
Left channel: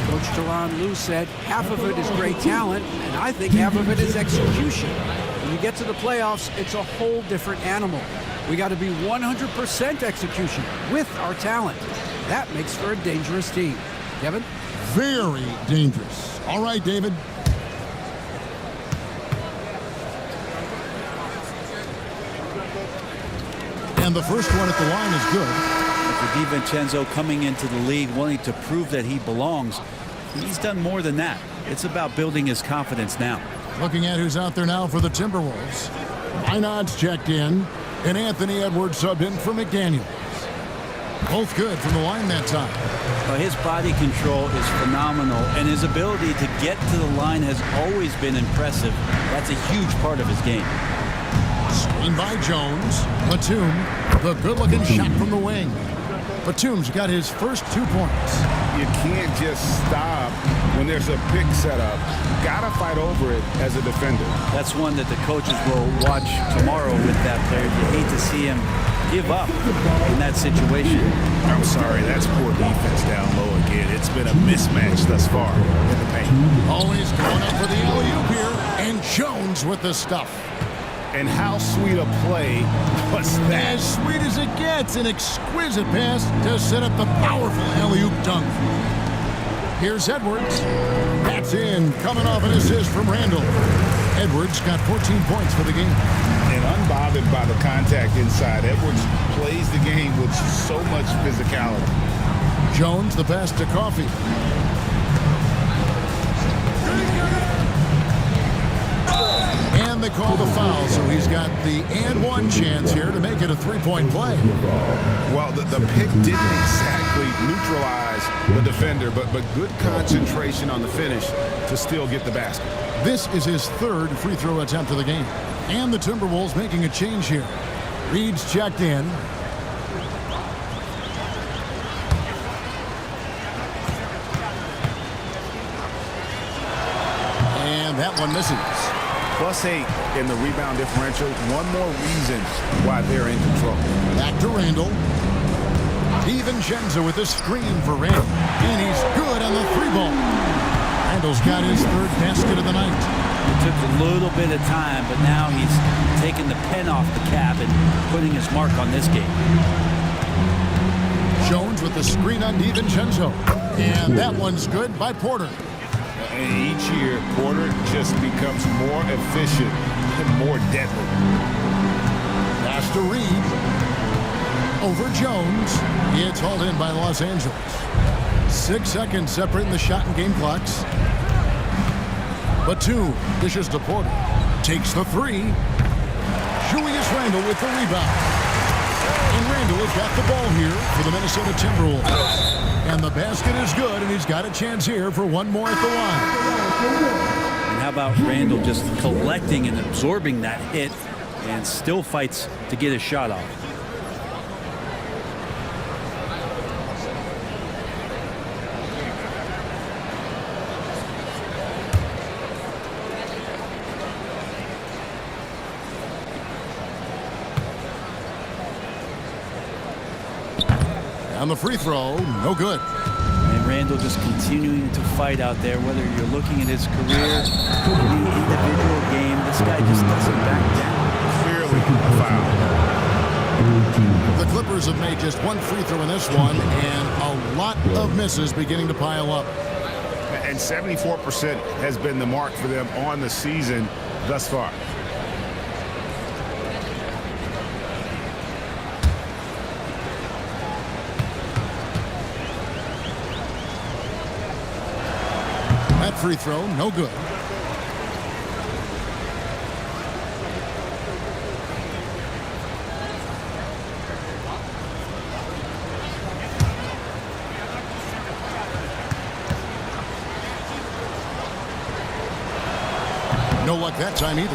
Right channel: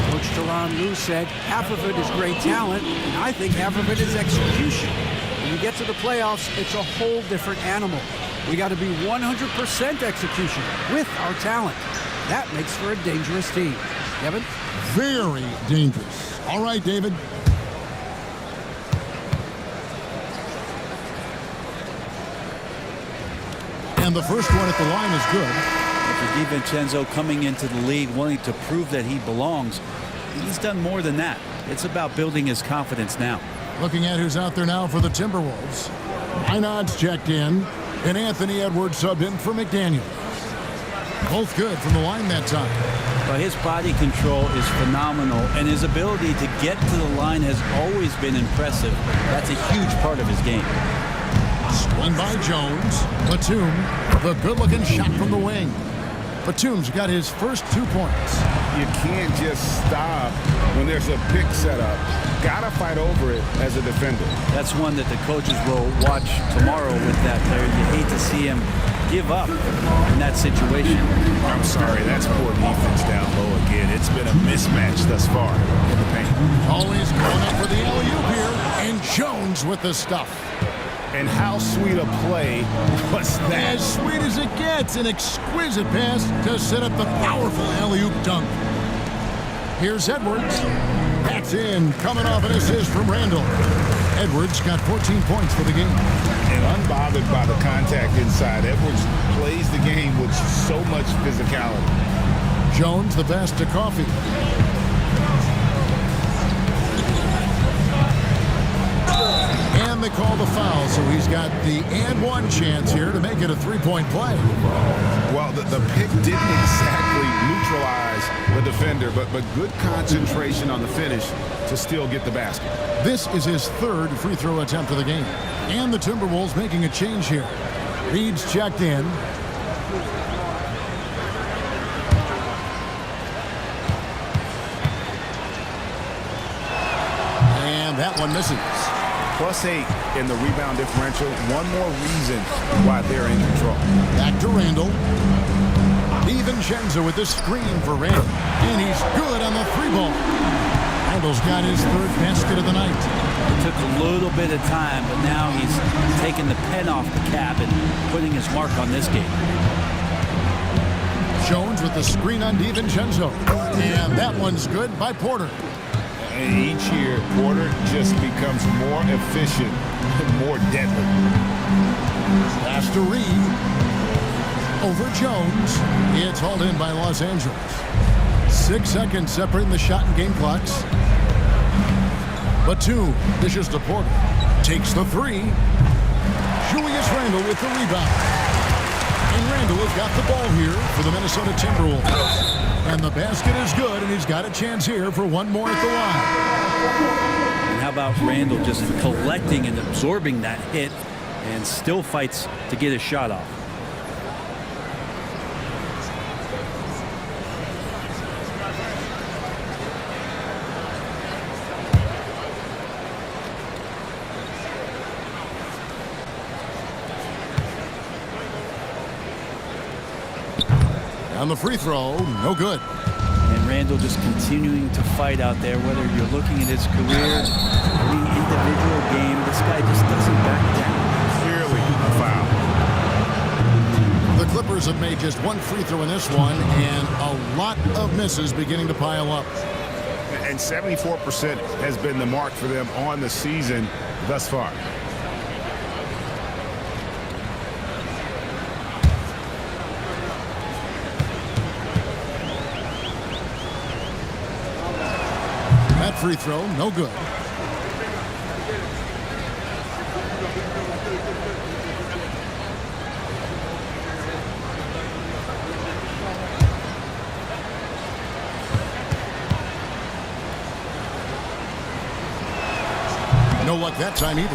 Coach Tyronn Lue said half of it is great talent, and I think half of it is execution. When you get to the playoffs, it's a whole different animal. We got to be 100% execution with our talent. That makes for a dangerous team. Kevin? Very dangerous. All right, David. And the first one at the line is good. For DiVincenzo coming into the league, wanting to prove that he belongs, he's done more than that. It's about building his confidence now. Looking at who's out there now for the Timberwolves. Minod's checked in, and Anthony Edwards subbed in for McDaniels. Both good from the line that time. Well, his body control is phenomenal, and his ability to get to the line has always been impressive. That's a huge part of his game. Screen by Jones. Batum, the good-looking shot from the wing. Batum's got his first 2 points. You can't just stop when there's a pick set up. Gotta fight over it as a defender. That's one that the coaches will watch tomorrow with that player. You hate to see him give up in that situation. I'm sorry, that's poor defense down low again. It's been a mismatch thus far in the paint. Always going up for the alley-oop here. And Jones with the stuff. And how sweet a play was that? As sweet as it gets, an exquisite pass to set up the powerful alley-oop dunk. Here's Edwards. That's in, coming off an assist from Randall. Edwards got 14 points for the game. And unbothered by the contact inside, Edwards plays the game with so much physicality. Jones, the pass to Coffee. And they call the foul, so he's got the and one chance here to make it a three-point play. Well, the pick didn't exactly neutralize the defender, but good concentration on the finish to still get the basket. This is his third free throw attempt of the game. And the Timberwolves making a change here. Reed's checked in. And that one misses. +8 in the rebound differential. One more reason why they're in control. Back to Randall. DiVincenzo with the screen for Randall. And he's good on the three ball. Randall's got his third basket of the night. It took a little bit of time, but now he's taking the pen off the cap and putting his mark on this game. Jones with the screen on DiVincenzo. And that one's good by Porter. And each year, Porter just becomes more efficient and more deadly. Pass to Reed. Over Jones. It's hauled in by Los Angeles. 6 seconds separating the shot and game clocks. Batum dishes to Porter. Takes the three. Julius Randle with the rebound. And Randle has got the ball here for the Minnesota Timberwolves. And the basket is good, and he's got a chance here for one more at the line. And how about Randle just collecting and absorbing that hit and still fights to get his shot off. On the free throw, no good. And Randle just continuing to fight out there, whether you're looking at his career, any individual game, this guy just doesn't back down. Clearly a foul. The Clippers have made just one free throw in this one, and a lot of misses beginning to pile up. And 74% has been the mark for them on the season thus far. That free throw, no good. No luck that time either.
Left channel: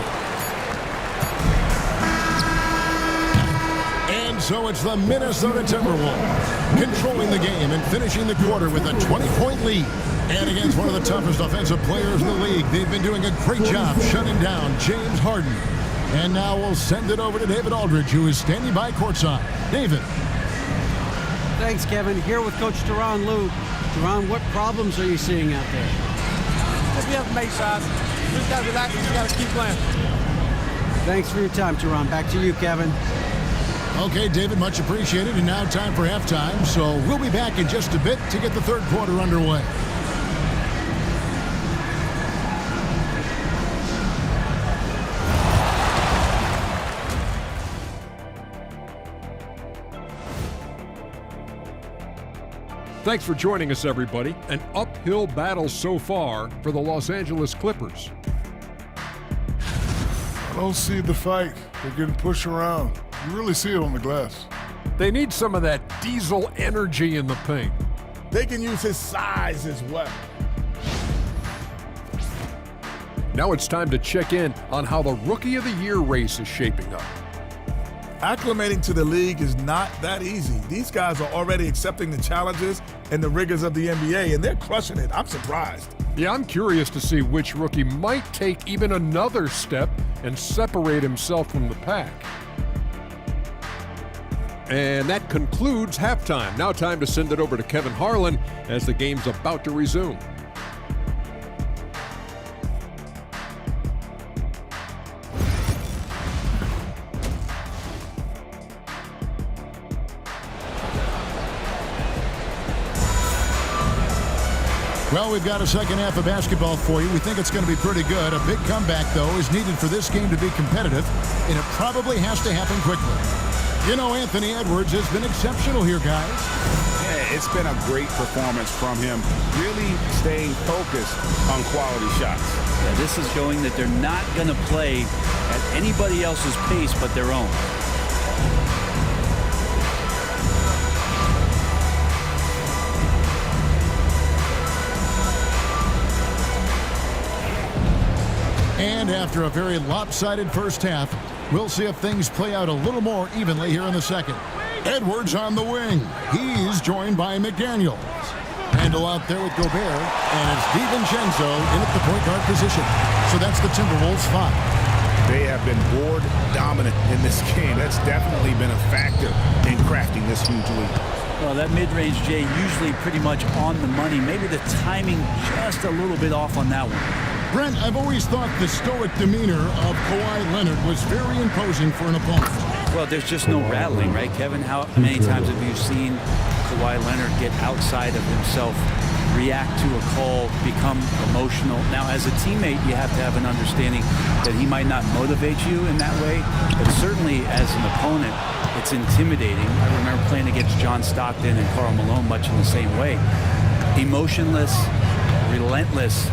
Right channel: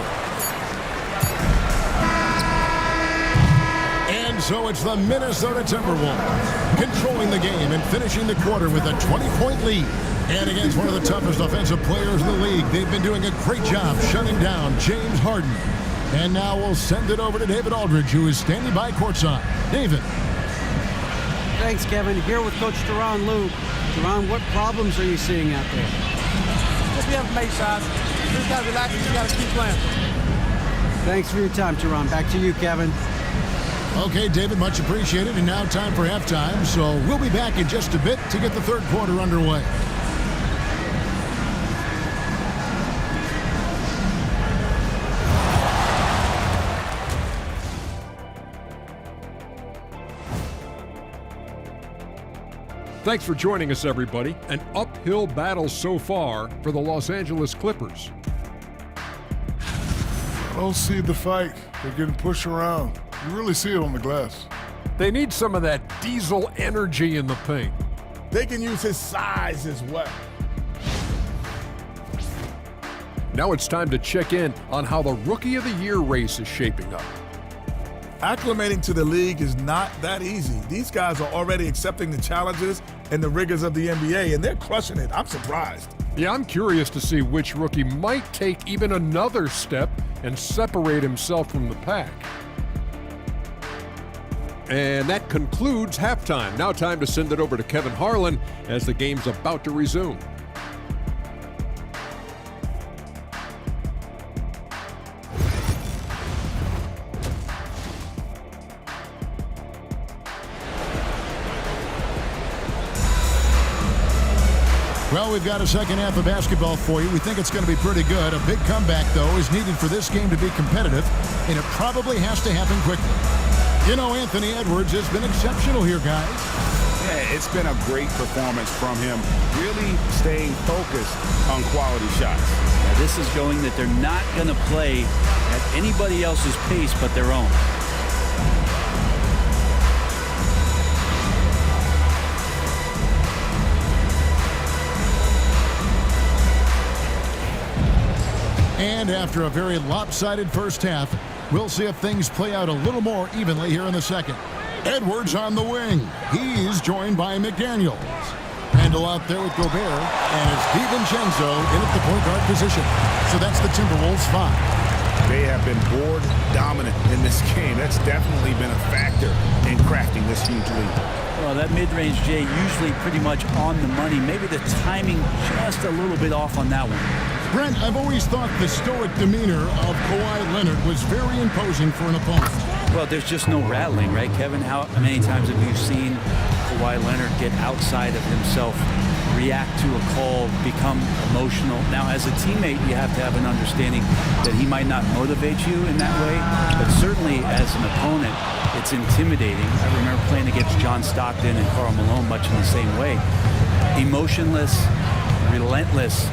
And so it's the Minnesota Timberwolves controlling the game and finishing the quarter with a 20-point lead. And against one of the toughest offensive players in the league, they've been doing a great job shutting down James Harden. And now we'll send it over to David Aldridge, who is standing by courtside. David. Thanks, Kevin. Here with Coach Teron Lue. Teron, what problems are you seeing out there? Just be able to make shots. Just got to relax and you got to keep playing. Thanks for your time, Teron. Back to you, Kevin. Okay, David, much appreciated. And now time for halftime. So we'll be back in just a bit to get the third quarter underway. Thanks for joining us, everybody. An uphill battle so far for the Los Angeles Clippers. I don't see the fight. They're getting pushed around. You really see it on the glass. They need some of that diesel energy in the paint. They can use his size as well. Now it's time to check in on how the Rookie of the Year race is shaping up. Acclimating to the league is not that easy. These guys are already accepting the challenges and the rigors of the NBA, and they're crushing it. I'm surprised. Yeah, I'm curious to see which rookie might take even another step and separate himself from the pack. And that concludes halftime. Now time to send it over to Kevin Harlan as the game's about to resume. Well, we've got a second half of basketball for you. We think it's going to be pretty good. A big comeback, though, is needed for this game to be competitive, and it probably has to happen quickly. You know, Anthony Edwards has been exceptional here, guys. Yeah, it's been a great performance from him, really staying focused on quality shots. Yeah, this is showing that they're not going to play at anybody else's pace but their own. And after a very lopsided first half, we'll see if things play out a little more evenly here in the second. Edwards on the wing. He's joined by McDaniels. Randall out there with Gobert, and it's DiVincenzo in at the point guard position. So that's the Timberwolves 5. They have been board dominant in this game. That's definitely been a factor in crafting this huge lead. Well, that mid-range, Jay, usually pretty much on the money. Maybe the timing just a little bit off on that one. Brent, I've always thought the stoic demeanor of Kawhi Leonard was very imposing for an opponent. Well, there's just no rattling, right, Kevin? How many times have you seen Kawhi Leonard get outside of himself, react to a call, become emotional? Now, as a teammate, you have to have an understanding that he might not motivate you in that way, but certainly as an opponent, it's intimidating. I remember playing against John Stockton and Karl Malone much in the same way. Emotionless, relentless.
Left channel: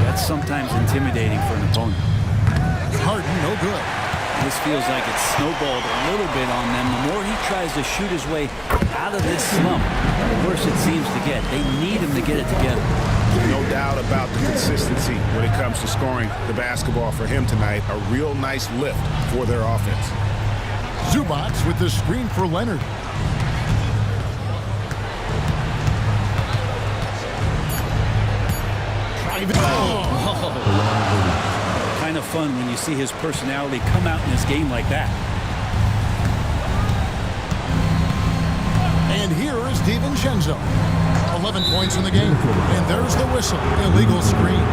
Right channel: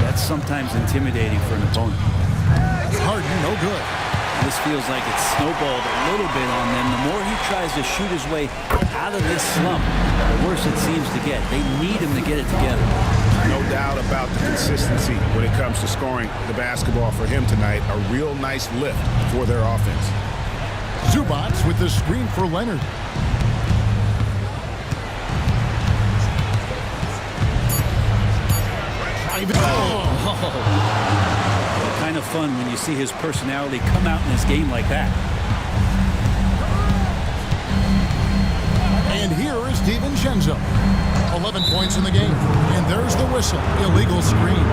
That's sometimes intimidating for an opponent. Harden, no good. This feels like it's snowballed a little bit on them. The more he tries to shoot his way out of this slump, the worse it seems to get. They need him to get it together. No doubt about the consistency when it comes to scoring the basketball for him tonight. A real nice lift for their offense. Zubac with the screen for Leonard. Well, kind of fun when you see his personality come out in his game like that. And here is DiVincenzo. 11 points in the game. And there's the whistle. Illegal screen.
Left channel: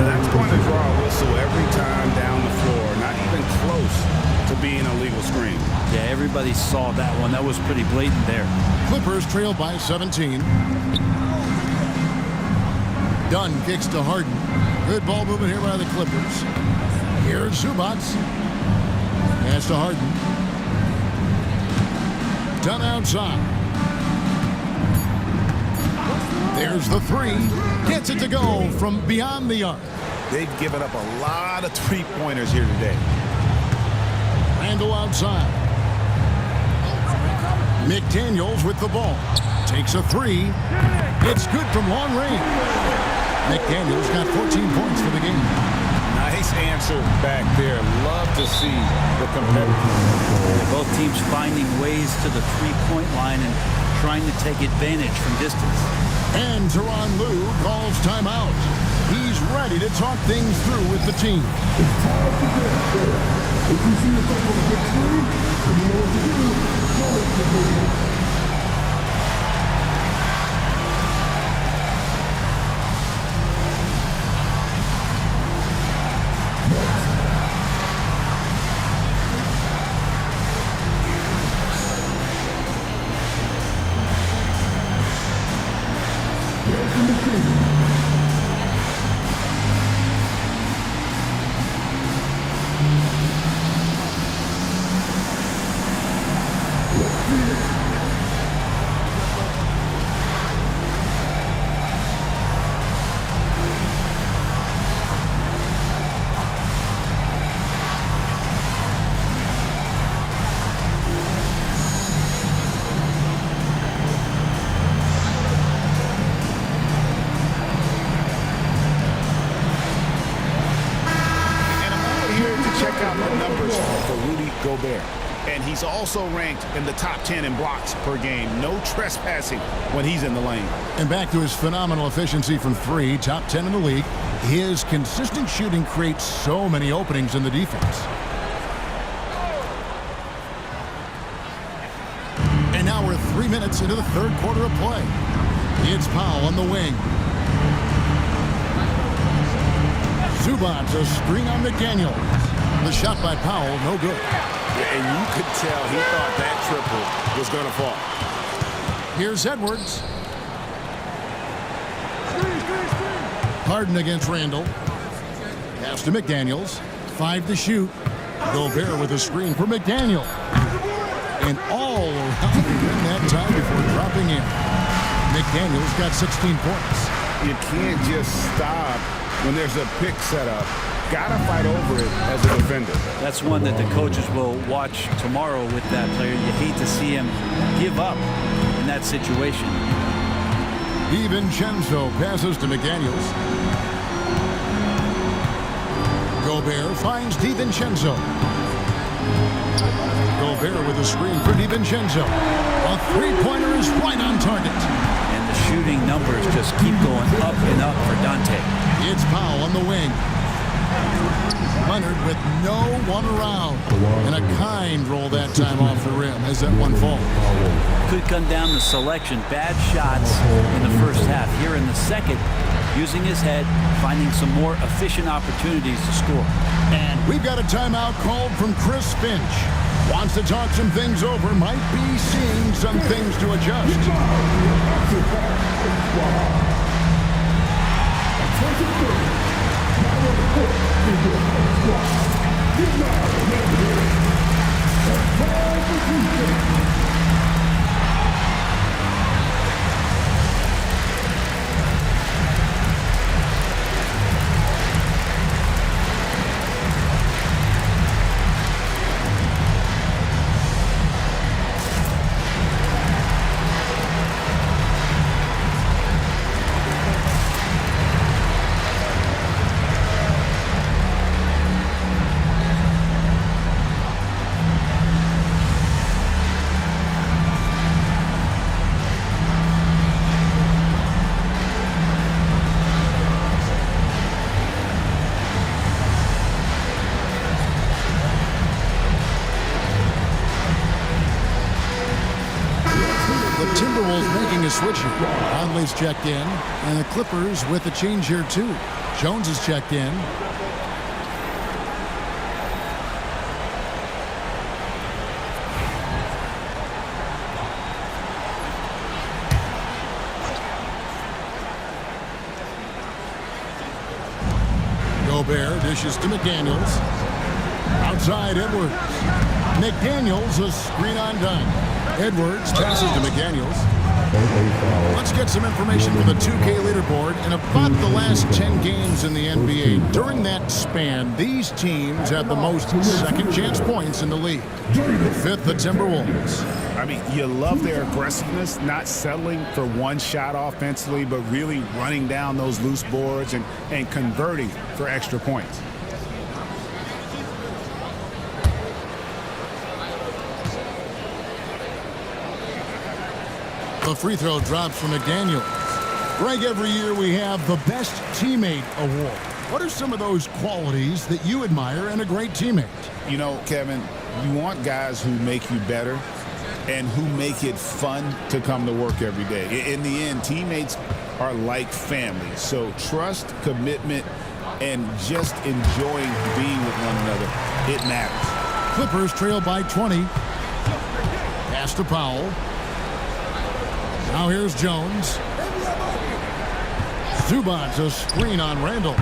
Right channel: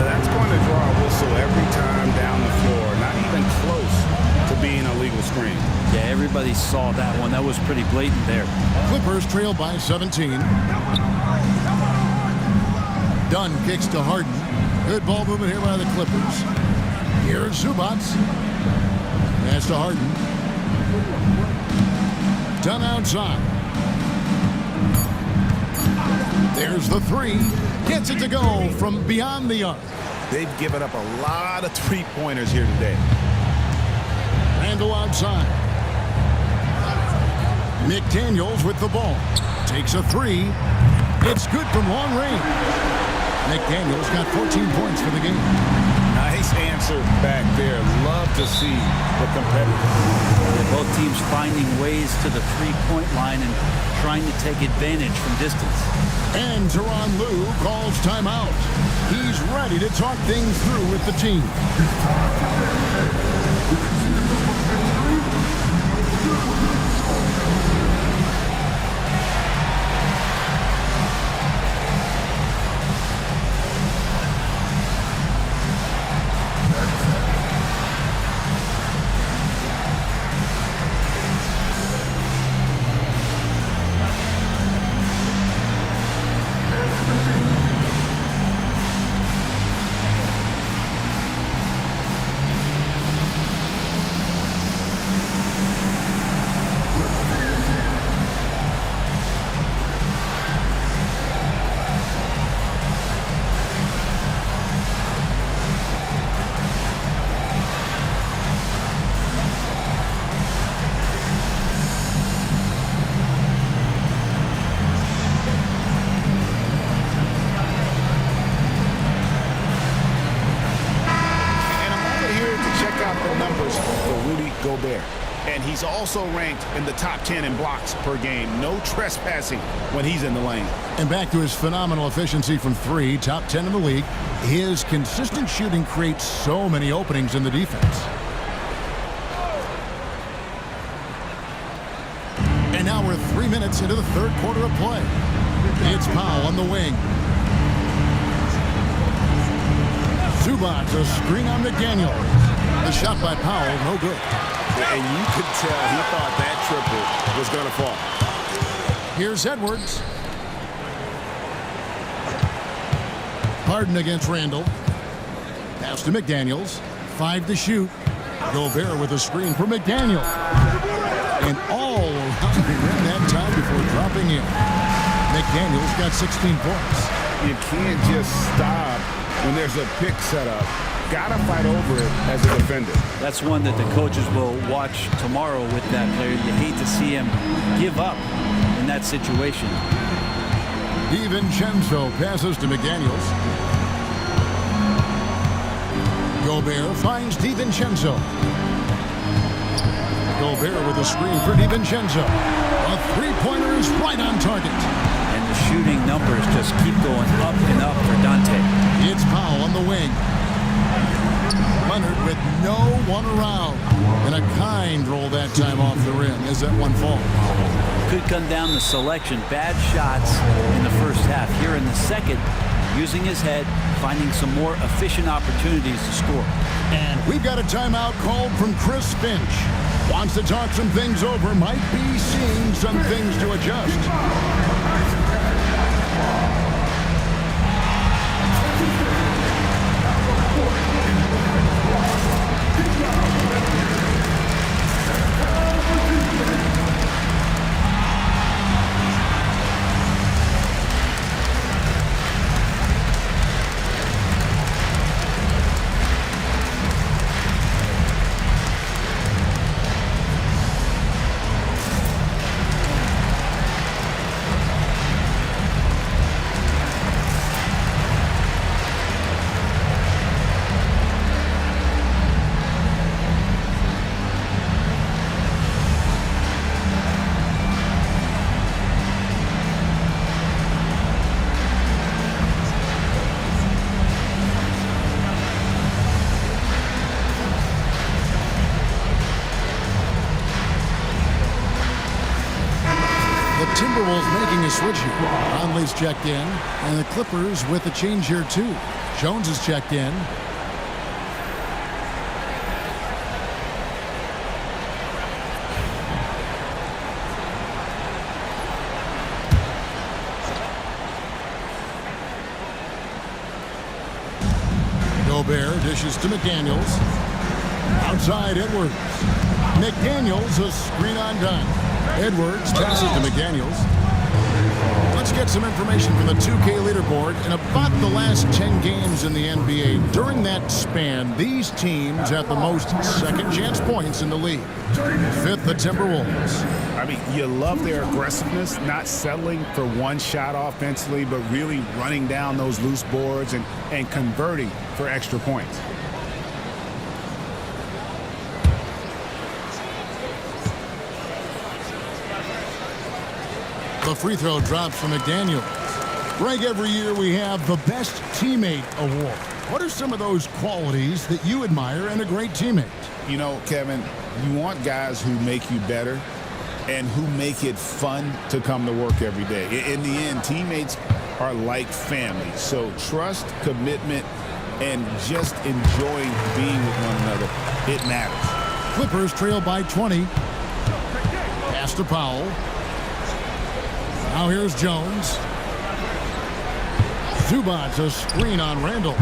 That's going to draw a whistle every time down the floor. Not even close to being a legal screen. Yeah, everybody saw that one. That was pretty blatant there. Clippers trail by 17. Dunn kicks to Harden. Good ball movement here by the Clippers. Here's Zubac. Pass to Harden. Dunn outside. There's the three. Gets it to go from beyond the arc. They've given up a lot of three-pointers here today. Randall outside. McDaniels with the ball. Takes a three. It's good from long range. McDaniels got 14 points for the game. Nice answer back there. Love to see the competitive. Yeah, both teams finding ways to the three-point line and trying to take advantage from distance. And Tyronn Lue calls timeout. He's ready to talk things through with the team. Check out the numbers for Rudy Gobert. And he's also ranked in the top 10 in blocks per game. No trespassing when he's in the lane. And back to his phenomenal efficiency from three, top 10 in the league. His consistent shooting creates so many openings in the defense. And now we're 3 minutes into the third quarter of play. It's Powell on the wing. Zubac, a screen on McDaniels. The shot by Powell, no good. And you could tell he thought that triple was going to fall. Here's Edwards. Harden against Randall. Pass to McDaniels. 5 to shoot. Gobert with a screen for McDaniels. and all around the rim that time before dropping in. McDaniels got 16 points. You can't just stop when there's a pick set up. Gotta fight over it as a defender. That's one that the coaches will watch tomorrow with that player. You hate to see him give up in that situation. DiVincenzo passes to McDaniels. Gobert finds DiVincenzo. Gobert with a screen for DiVincenzo. A three-pointer is right on target. And the shooting numbers just keep going up and up for Dante. It's Powell on the wing. Leonard with no one around. And a kind roll that time off the rim as that one falls. Could come down to selection. Bad shots in the first half. Here in the second, using his head, finding some more efficient opportunities to score. And we've got a timeout called from Chris Finch. Wants to talk some things over, might be seeing some things to adjust. The Timberwolves making a switch here. Conley's checked in, and the Clippers with a change here too. Jones is checked in. Gobert dishes to McDaniels. Outside Edwards. McDaniels, a screen undone. Edwards passes to McDaniels. Let's get some information from the 2K leaderboard. In about the last 10 games in the NBA, during that span, these teams have the most second chance points in the league. Fifth, the Timberwolves. I mean, you love their aggressiveness, not settling for one shot offensively, but really running down those loose boards and converting for extra points. The free throw drops from McDaniels. Greg, every year we have the Best Teammate Award. What are some of those qualities that you admire in a great teammate? You know, Kevin, you want guys who make you better and who make it fun to come to work every day. In the end, teammates are like family. So trust, commitment, and just enjoying being with one another, it matters. Clippers trail by 20. Pass to Powell. Now here's Jones. Zubac's a screen on Randall.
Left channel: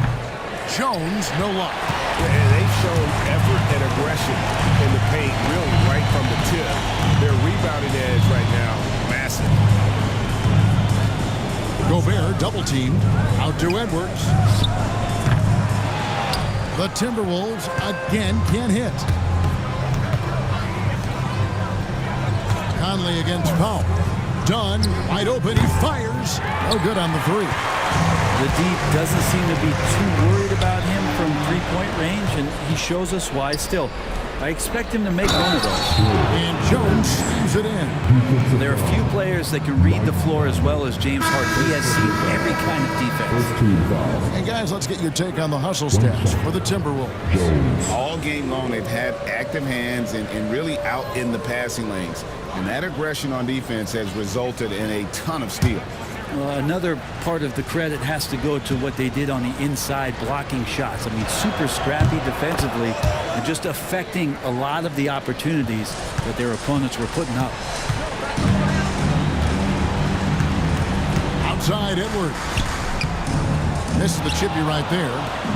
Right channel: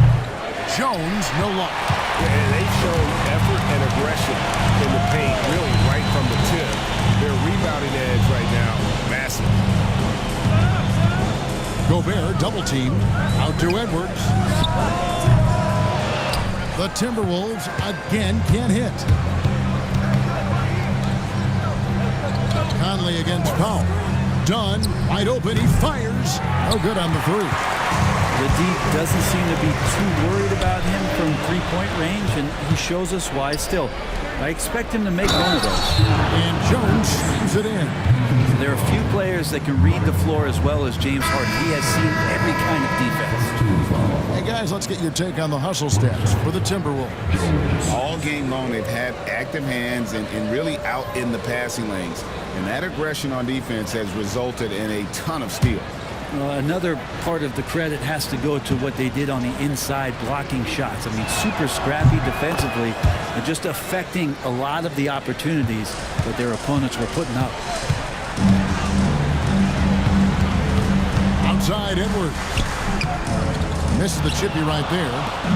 Jones, no luck. Yeah, they've shown effort and aggression in the paint, really right from the tip. Their rebounding edge right now, massive. Gobert double-teamed. Out to Edwards. The Timberwolves again can't hit. Conley against Powell. Dunn, wide open, he fires. No good on the three. The D doesn't seem to be too worried about him from three-point range, and he shows us why still. I expect him to make one of those. And Jones slams it in. So there are a few players that can read the floor as well as James Harden. He has seen every kind of defense. Hey, guys, let's get your take on the hustle stats for the Timberwolves. All game long, they've had active hands and really out in the passing lanes. And that aggression on defense has resulted in a ton of steals. Another part of the credit has to go to what they did on the inside, blocking shots. I mean, super scrappy defensively and just affecting a lot of the opportunities that their opponents were putting up. Outside Edwards. Misses the chippy right there.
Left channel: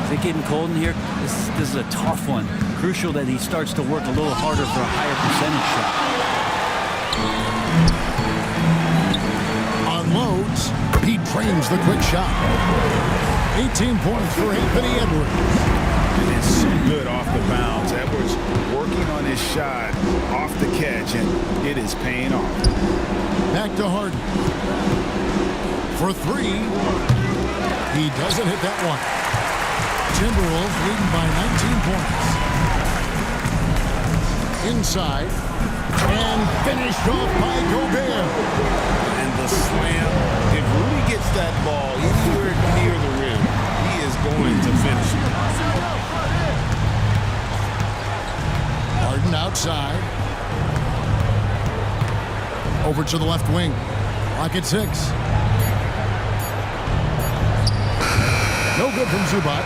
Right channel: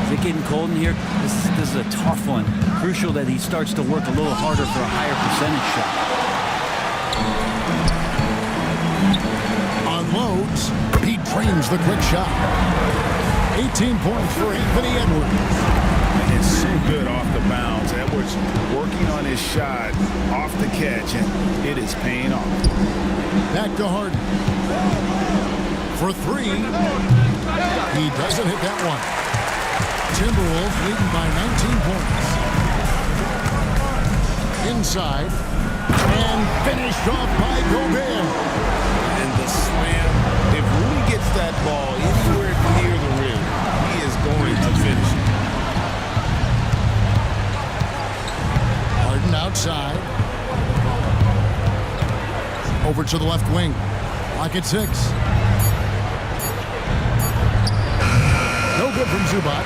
Is it getting cold in here? This is a tough one. Crucial that he starts to work a little harder for a higher percentage shot. Unloads. He drains the quick shot. 18 points for Anthony Edwards. It's so good off the bounds. Edwards working on his shot off the catch, and it is paying off. Back to Harden. For three. He doesn't hit that one. Timberwolves leading by 19 points. Inside. And finished off by Gobert. And the slam. If Rudy gets that ball anywhere near the rim, he is going to finish it. Harden outside. Over to the left wing. Clock at 6. No good from Zubac.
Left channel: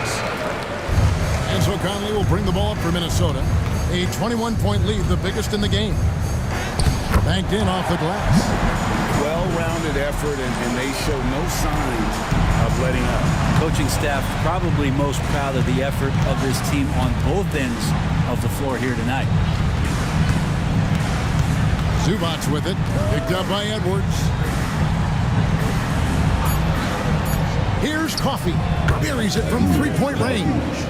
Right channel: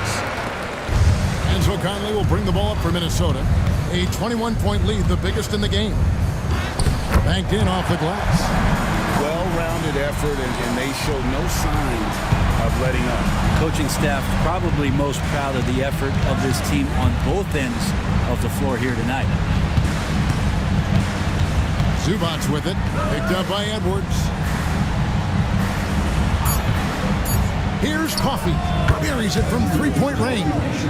And so Conley will bring the ball up for Minnesota. A 21-point lead, the biggest in the game. Banked in off the glass. Well-rounded effort, and they show no signs of letting up. Coaching staff probably most proud of the effort of this team on both ends of the floor here tonight. Zubac with it. Picked up by Edwards. Here's Coffey. Buries it from three-point range.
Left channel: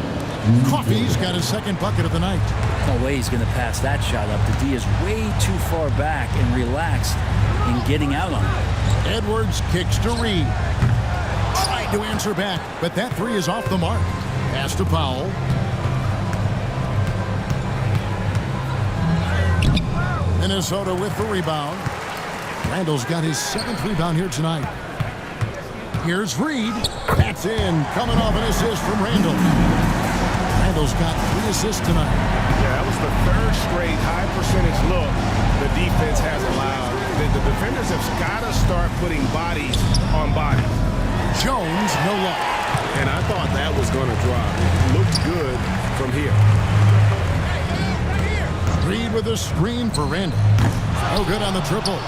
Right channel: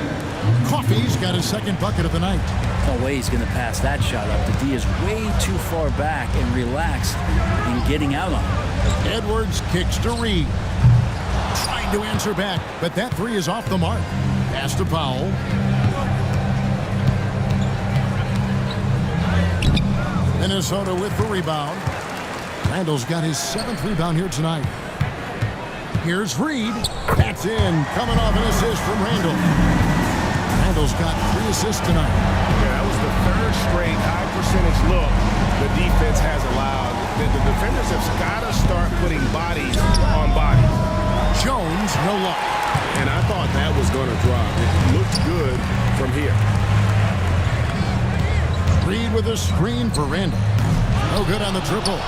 Coffey's got his second bucket of the night. No way he's going to pass that shot up. The D is way too far back and relaxed in getting out on him. Edwards kicks to Reed. Tried to answer back, but that three is off the mark. Pass to Powell. Minnesota with the rebound. Randall's got his 7th rebound here tonight. Here's Reed. That's in. Coming off an assist from Randall. Randall's got 3 assists tonight. Yeah, that was the 3rd straight high-percentage look the defense has allowed. The defenders have got to start putting bodies on bodies. Jones, no luck. And I thought that was going to drop. It looked good from here. Reed with a screen for Randall. No good on the triple.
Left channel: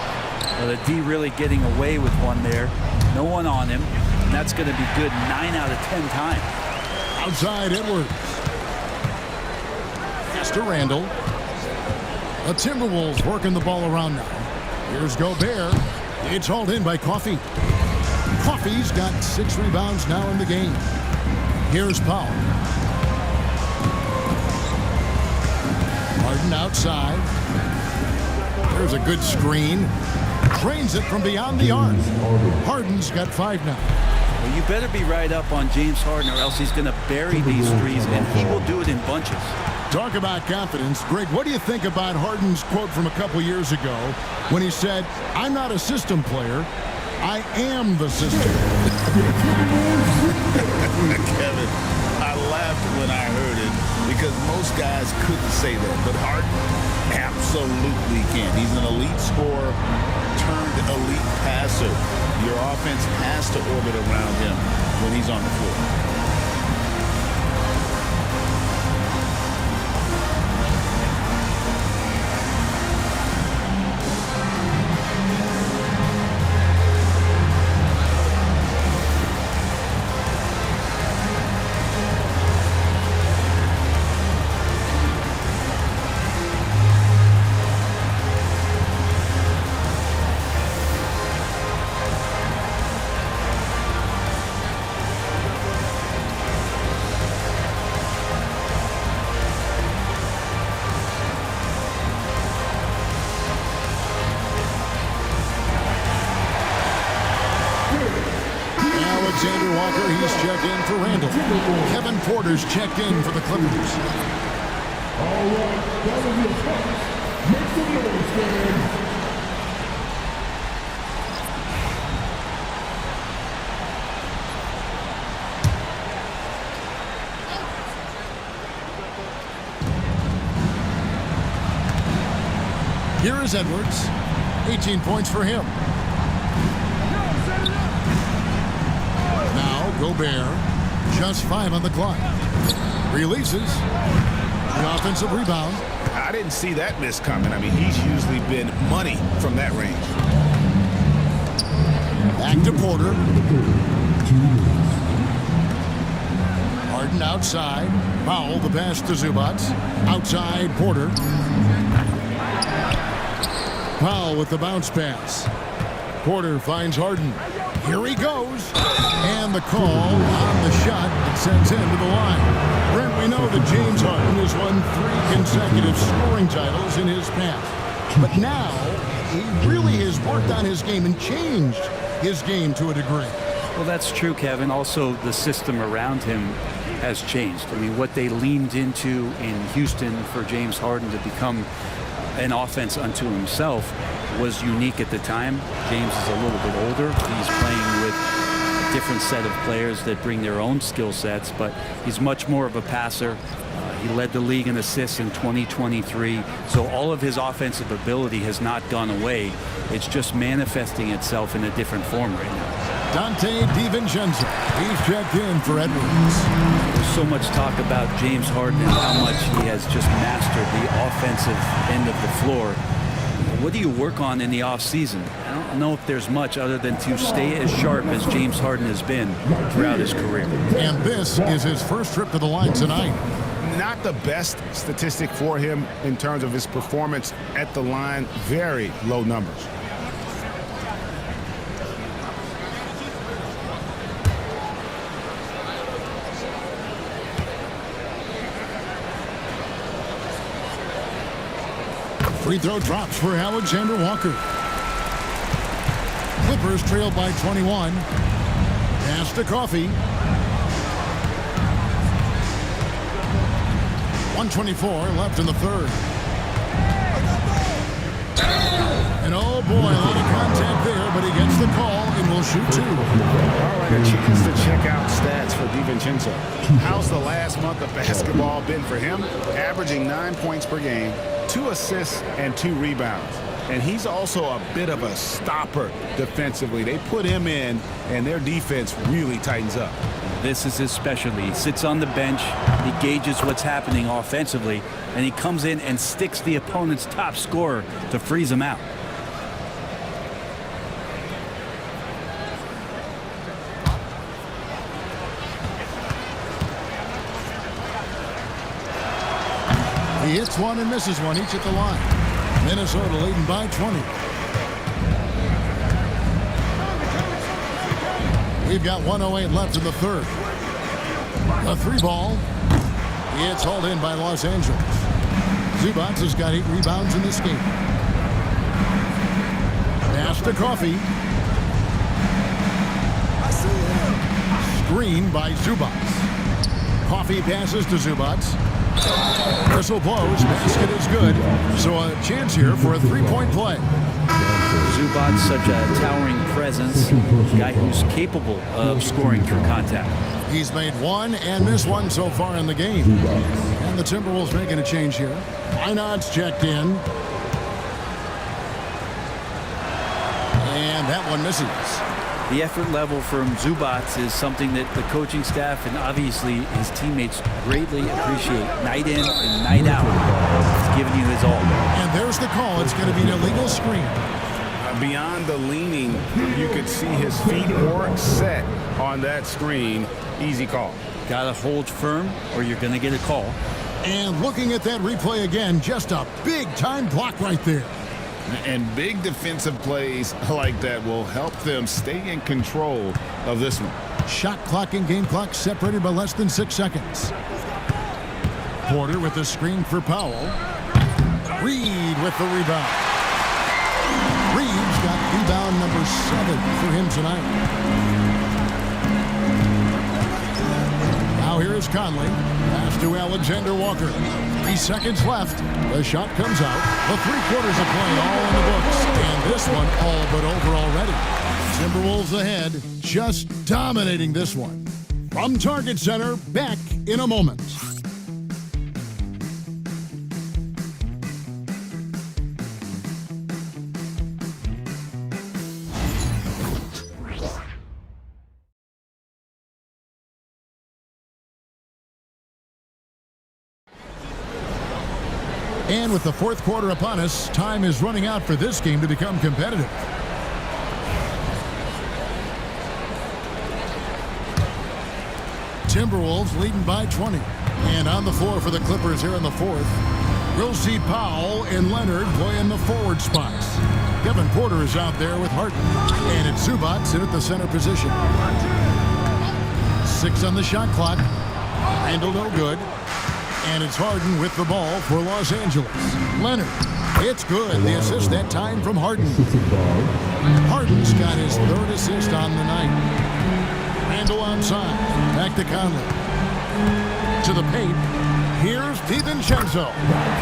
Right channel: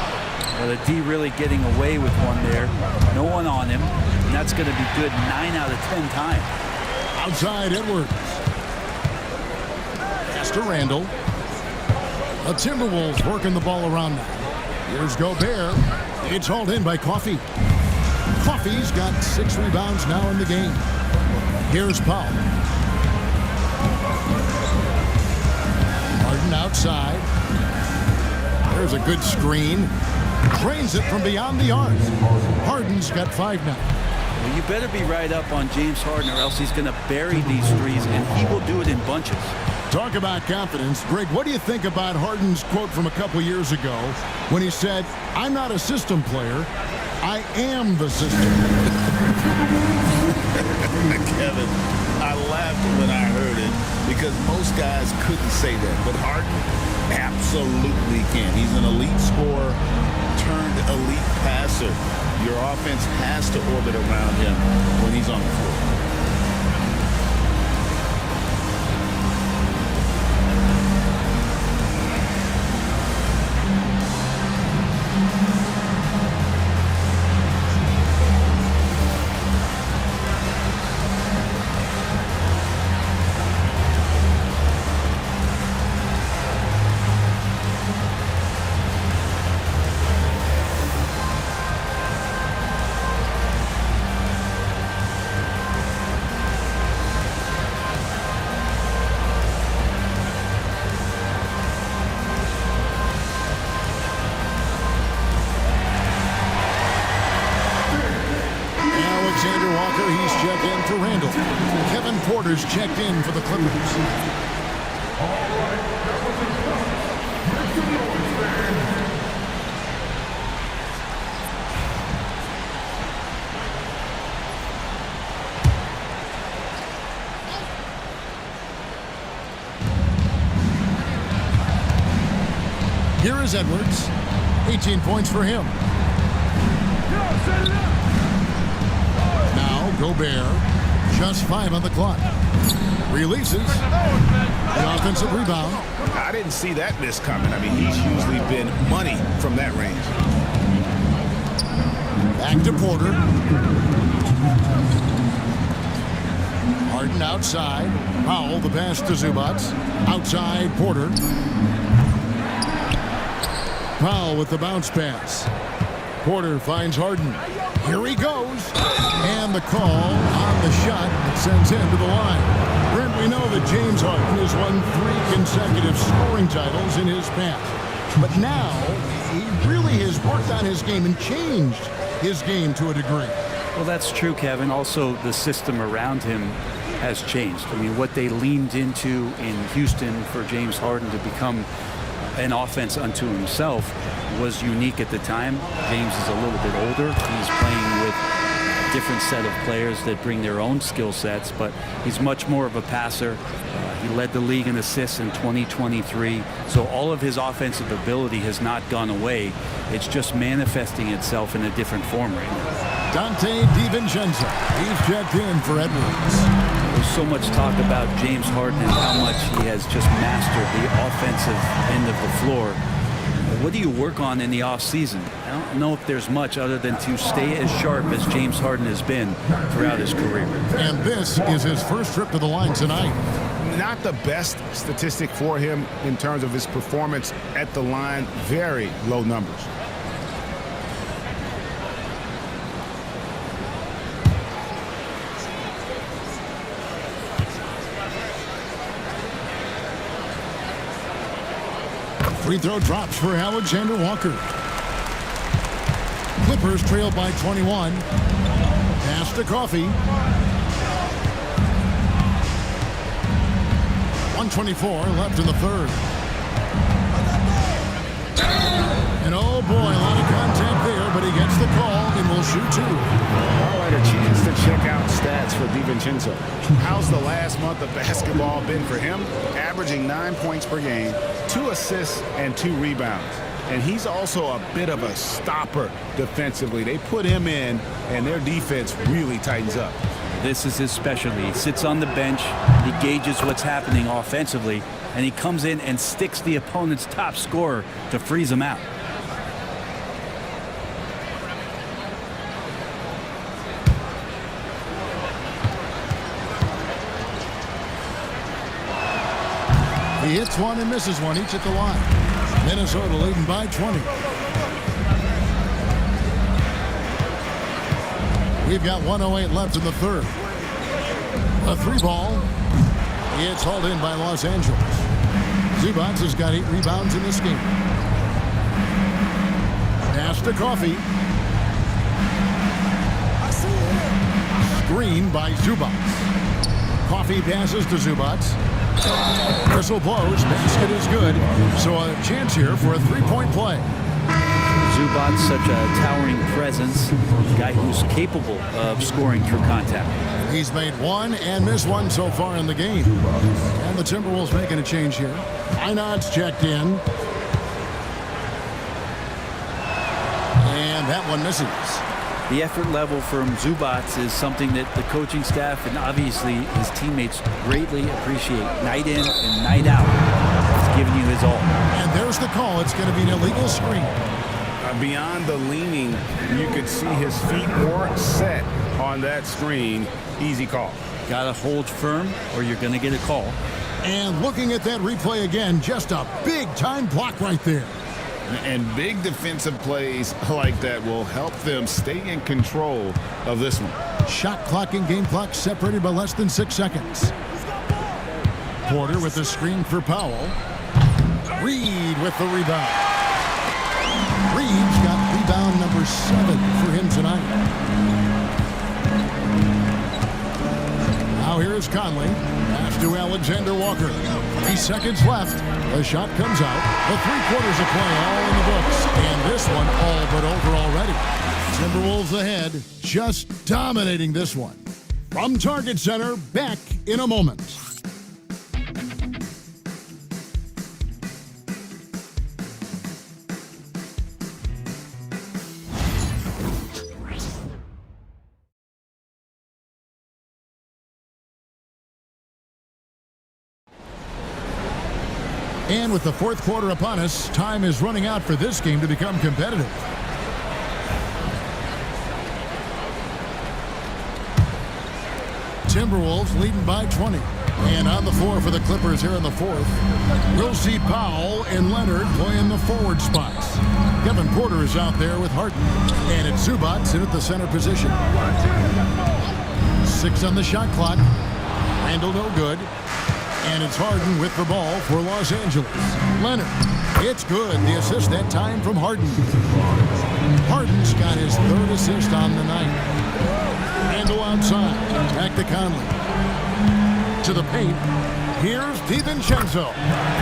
Well, the D really getting away with one there. No one on him. And that's going to be good 9 out of 10 times. Outside Edwards. Pass to Randall. The Timberwolves working the ball around now. Here's Gobert. It's hauled in by Coffey. Coffey's got 6 rebounds now in the game. Here's Powell. Harden outside. There's a good screen. Drains it from beyond the arc. Harden's got 5 now. Well, you better be right up on James Harden or else he's going to bury these threes, and he will do it in bunches. Talk about confidence. Greg, what do you think about Harden's quote from a couple years ago when he said, "I'm not a system player, I am the system"? Kevin, I laughed when I heard it because most guys couldn't say that. But Harden absolutely can. He's an elite scorer turned elite passer. Your offense has to orbit around him when he's on the floor. Alexander Walker, he's checked in for Randall. Kevin Porter's checked in for the Clippers. All right, that was a touch. Make some noise, fans. Here is Edwards. 18 points for him. Yo, set it up. Now Gobert, just 5 on the clock. Releases. The offensive rebound. I didn't see that miss coming. I mean, he's usually been money from that range. Back to Porter. Harden outside. Powell, the pass to Zubac. Outside Porter. Powell with the bounce pass. Porter finds Harden. Here he goes. And the call on the shot that sends him to the line. Brent, we know that James Harden has won 3 consecutive scoring titles in his past. But now, he really has worked on his game and changed his game to a degree. Well, that's true, Kevin. Also, the system around him has changed. I mean, what they leaned into in Houston for James Harden to become an offense unto himself was unique at the time. James is a little bit older. He's playing with a different set of players that bring their own skill sets, but he's much more of a passer. He led the league in assists in 2023, so all of his offensive ability has not gone away. It's just manifesting itself in a different form right now. Dante DiVincenzo, he's checked in for Edwards. There's so much talk about James Harden and how much he has just mastered the offensive end of the floor. What do you work on in the offseason? I don't know if there's much other than to stay as sharp as James Harden has been throughout his career. And this is his first trip to the line tonight. Not the best statistic for him in terms of his performance at the line. Very low numbers. Free throw drops for Alexander Walker. Clippers trail by 21. Pass to Coffee. 1:24 left in the third. And oh boy, a lot of contact there, but he gets the call and will shoot 2. All right, a chance to check out stats for DiVincenzo. How's the last month of basketball been for him? Averaging 9 points per game, 2 assists, and 2 rebounds. And he's also a bit of a stopper defensively. They put him in, and their defense really tightens up. This is his specialty. He sits on the bench, he gauges what's happening offensively, and he comes in and sticks the opponent's top scorer to freeze him out. He hits one and misses one, each at the line. Minnesota leading by 20. We've got 1:08 left in the third. A 3 ball. It's hauled in by Los Angeles. Zubac has got 8 rebounds in this game. Pass to Coffee. I see him. Screen by Zubac. Coffee passes to Zubac. Whistle blows. Basket is good. So a chance here for a 3-point play. Zubac, such a towering presence, a guy who's capable of scoring through contact. He's made 1 and missed 1 so far in the game. And the Timberwolves making a change here. Einard's checked in. And that one misses. The effort level from Zubac is something that the coaching staff and obviously his teammates greatly appreciate. Night in and night out. He's giving you his all. And there's the call. It's going to be an illegal screen. Beyond the leaning, you could see his feet weren't set on that screen. Easy call. Got to hold firm or you're going to get a call. And looking at that replay again, just a big-time block right there. And big defensive plays like that will help them stay in control of this one. Shot clock and game clock separated by less than 6 seconds. Porter with the screen for Powell. Reed with the rebound. Reed's got rebound number 7 for him tonight. Now here is Conley. Pass to Alexander Walker. 3 seconds left. The shot comes out. The 3 quarters of play all in the books. And this one all but over already. Timberwolves ahead, just dominating this one. From Target Center, back in a moment. And with the 4th quarter upon us, time is running out for this game to become competitive. Timberwolves leading by 20. And on the floor for the Clippers here in the 4th, we'll see Powell and Leonard playing the forward spots. Kevin Porter is out there with Harden. And it's Zubac in at the center position. 6 on the shot clock. Randall no good. And it's Harden with the ball for Los Angeles. Leonard. It's good. The assist that time from Harden. Harden's got his 3rd assist on the night. Randall outside. Back to Conley. To the paint. Here's DiVincenzo.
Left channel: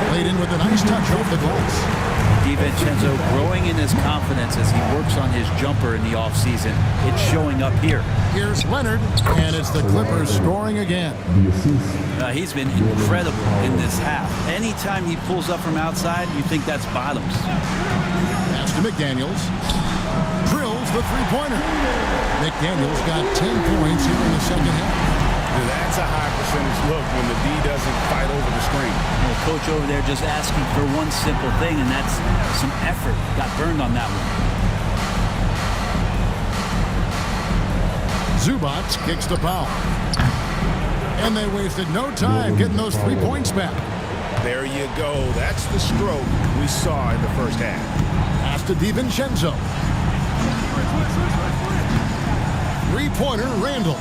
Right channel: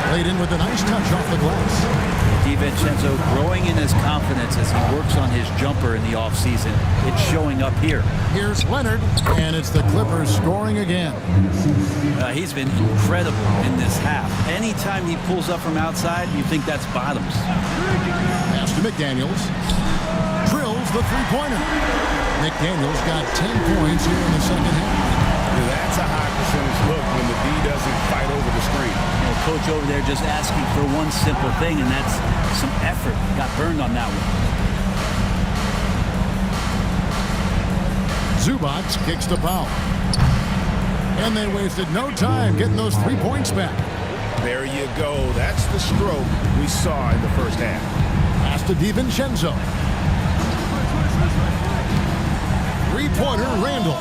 Played in with a nice touch off the glass. DiVincenzo growing in his confidence as he works on his jumper in the offseason. It's showing up here. Here's Leonard, and it's the Clippers scoring again. He's been incredible in this half. Anytime he pulls up from outside, you think that's bottoms. Pass to McDaniels. Drills the three-pointer. McDaniels got 10 points here in the second half. That's a high percentage look when the D doesn't fight over the screen. And the coach over there just asking for one simple thing, and that's some effort. Got burned on that one. Zubac kicks to Powell. And they wasted no time getting those 3 points back. There you go. That's the stroke we saw in the first half. Pass to DiVincenzo. Three-pointer, Randall.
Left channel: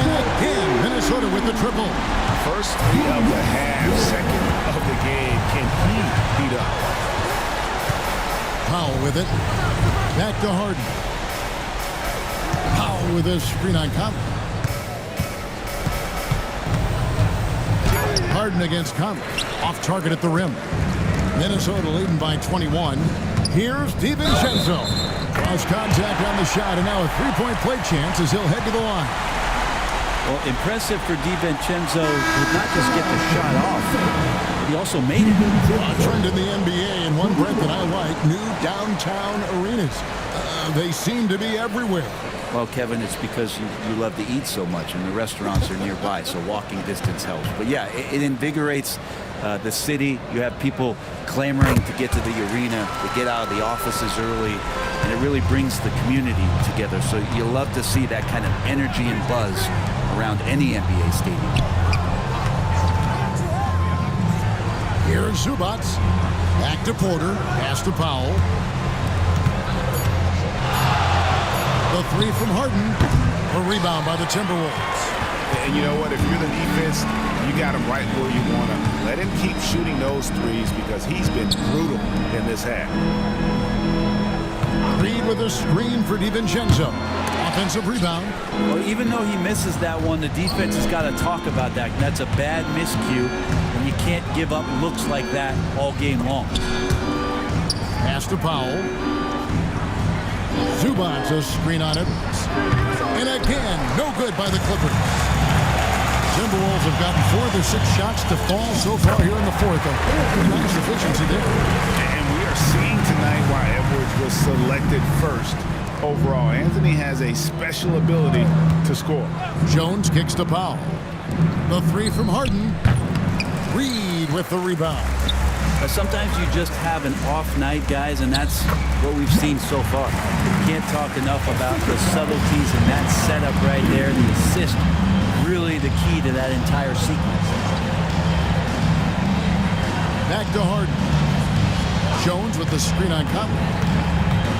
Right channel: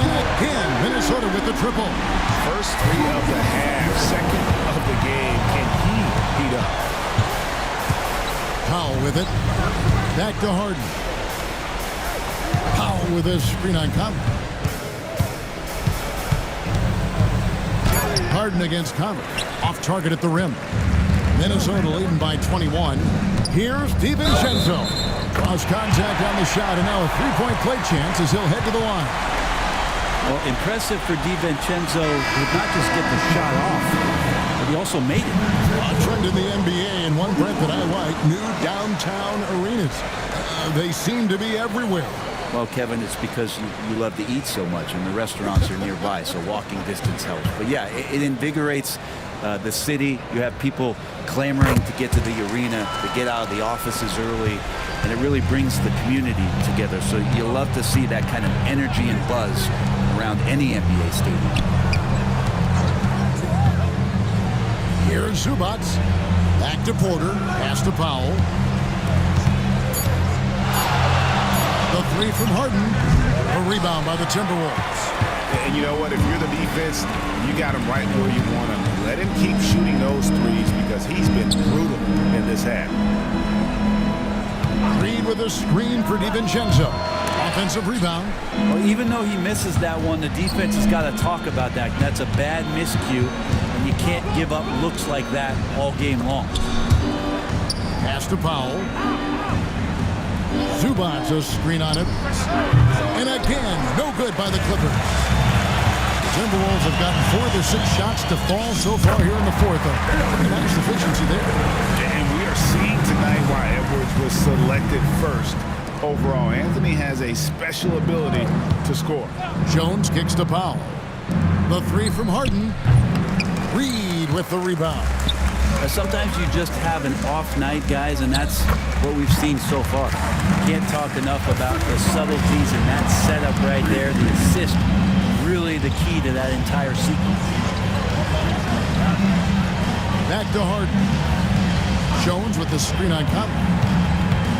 And again, Minnesota with the triple. First 3 of the half, second of the game. Can he heat up? Powell with it. Back to Harden. Powell with his screen on Conley. Harden against Conley. Off target at the rim. Minnesota leading by 21. Here's DiVincenzo. Cross contact on the shot, and now a 3-point play chance as he'll head to the line. Well, impressive for DiVincenzo to not just get the shot off, but he also made it. A trend in the NBA, and one, Brent, that I like, new downtown arenas. They seem to be everywhere. Well, Kevin, it's because you love to eat so much, and the restaurants are nearby, so walking distance helps. But yeah, it invigorates the city. You have people clamoring to get to the arena, to get out of the offices early, and it really brings the community together. So you love to see that kind of energy and buzz around any NBA stadium. Here's Zubac. Back to Porter. Pass to Powell. The 3 from Harden. A rebound by the Timberwolves. And you know what? If you're the defense, you got him right where you want him. Let him keep shooting those threes because he's been brutal in this half. Reed with a screen for DiVincenzo. Offensive rebound. Well, even though he misses that one, the defense has got to talk about that. That's a bad miscue, and you can't give up looks like that all game long. Pass to Powell. Zubac, a screen on Edwards. And again, no good by the Clippers. The Timberwolves have gotten 4 of their 6 shots to fall so far here in the fourth. A nice efficiency there. And we are seeing tonight why Edwards was selected first. Overall, Anthony has a special ability to score. Jones kicks to Powell. The 3 from Harden. Reed with the rebound. Sometimes you just have an off night, guys, and that's what we've seen so far. Can't talk enough about the subtleties in that setup right there. The assist, really the key to that entire sequence. Back to Harden. Jones with the screen on Conley.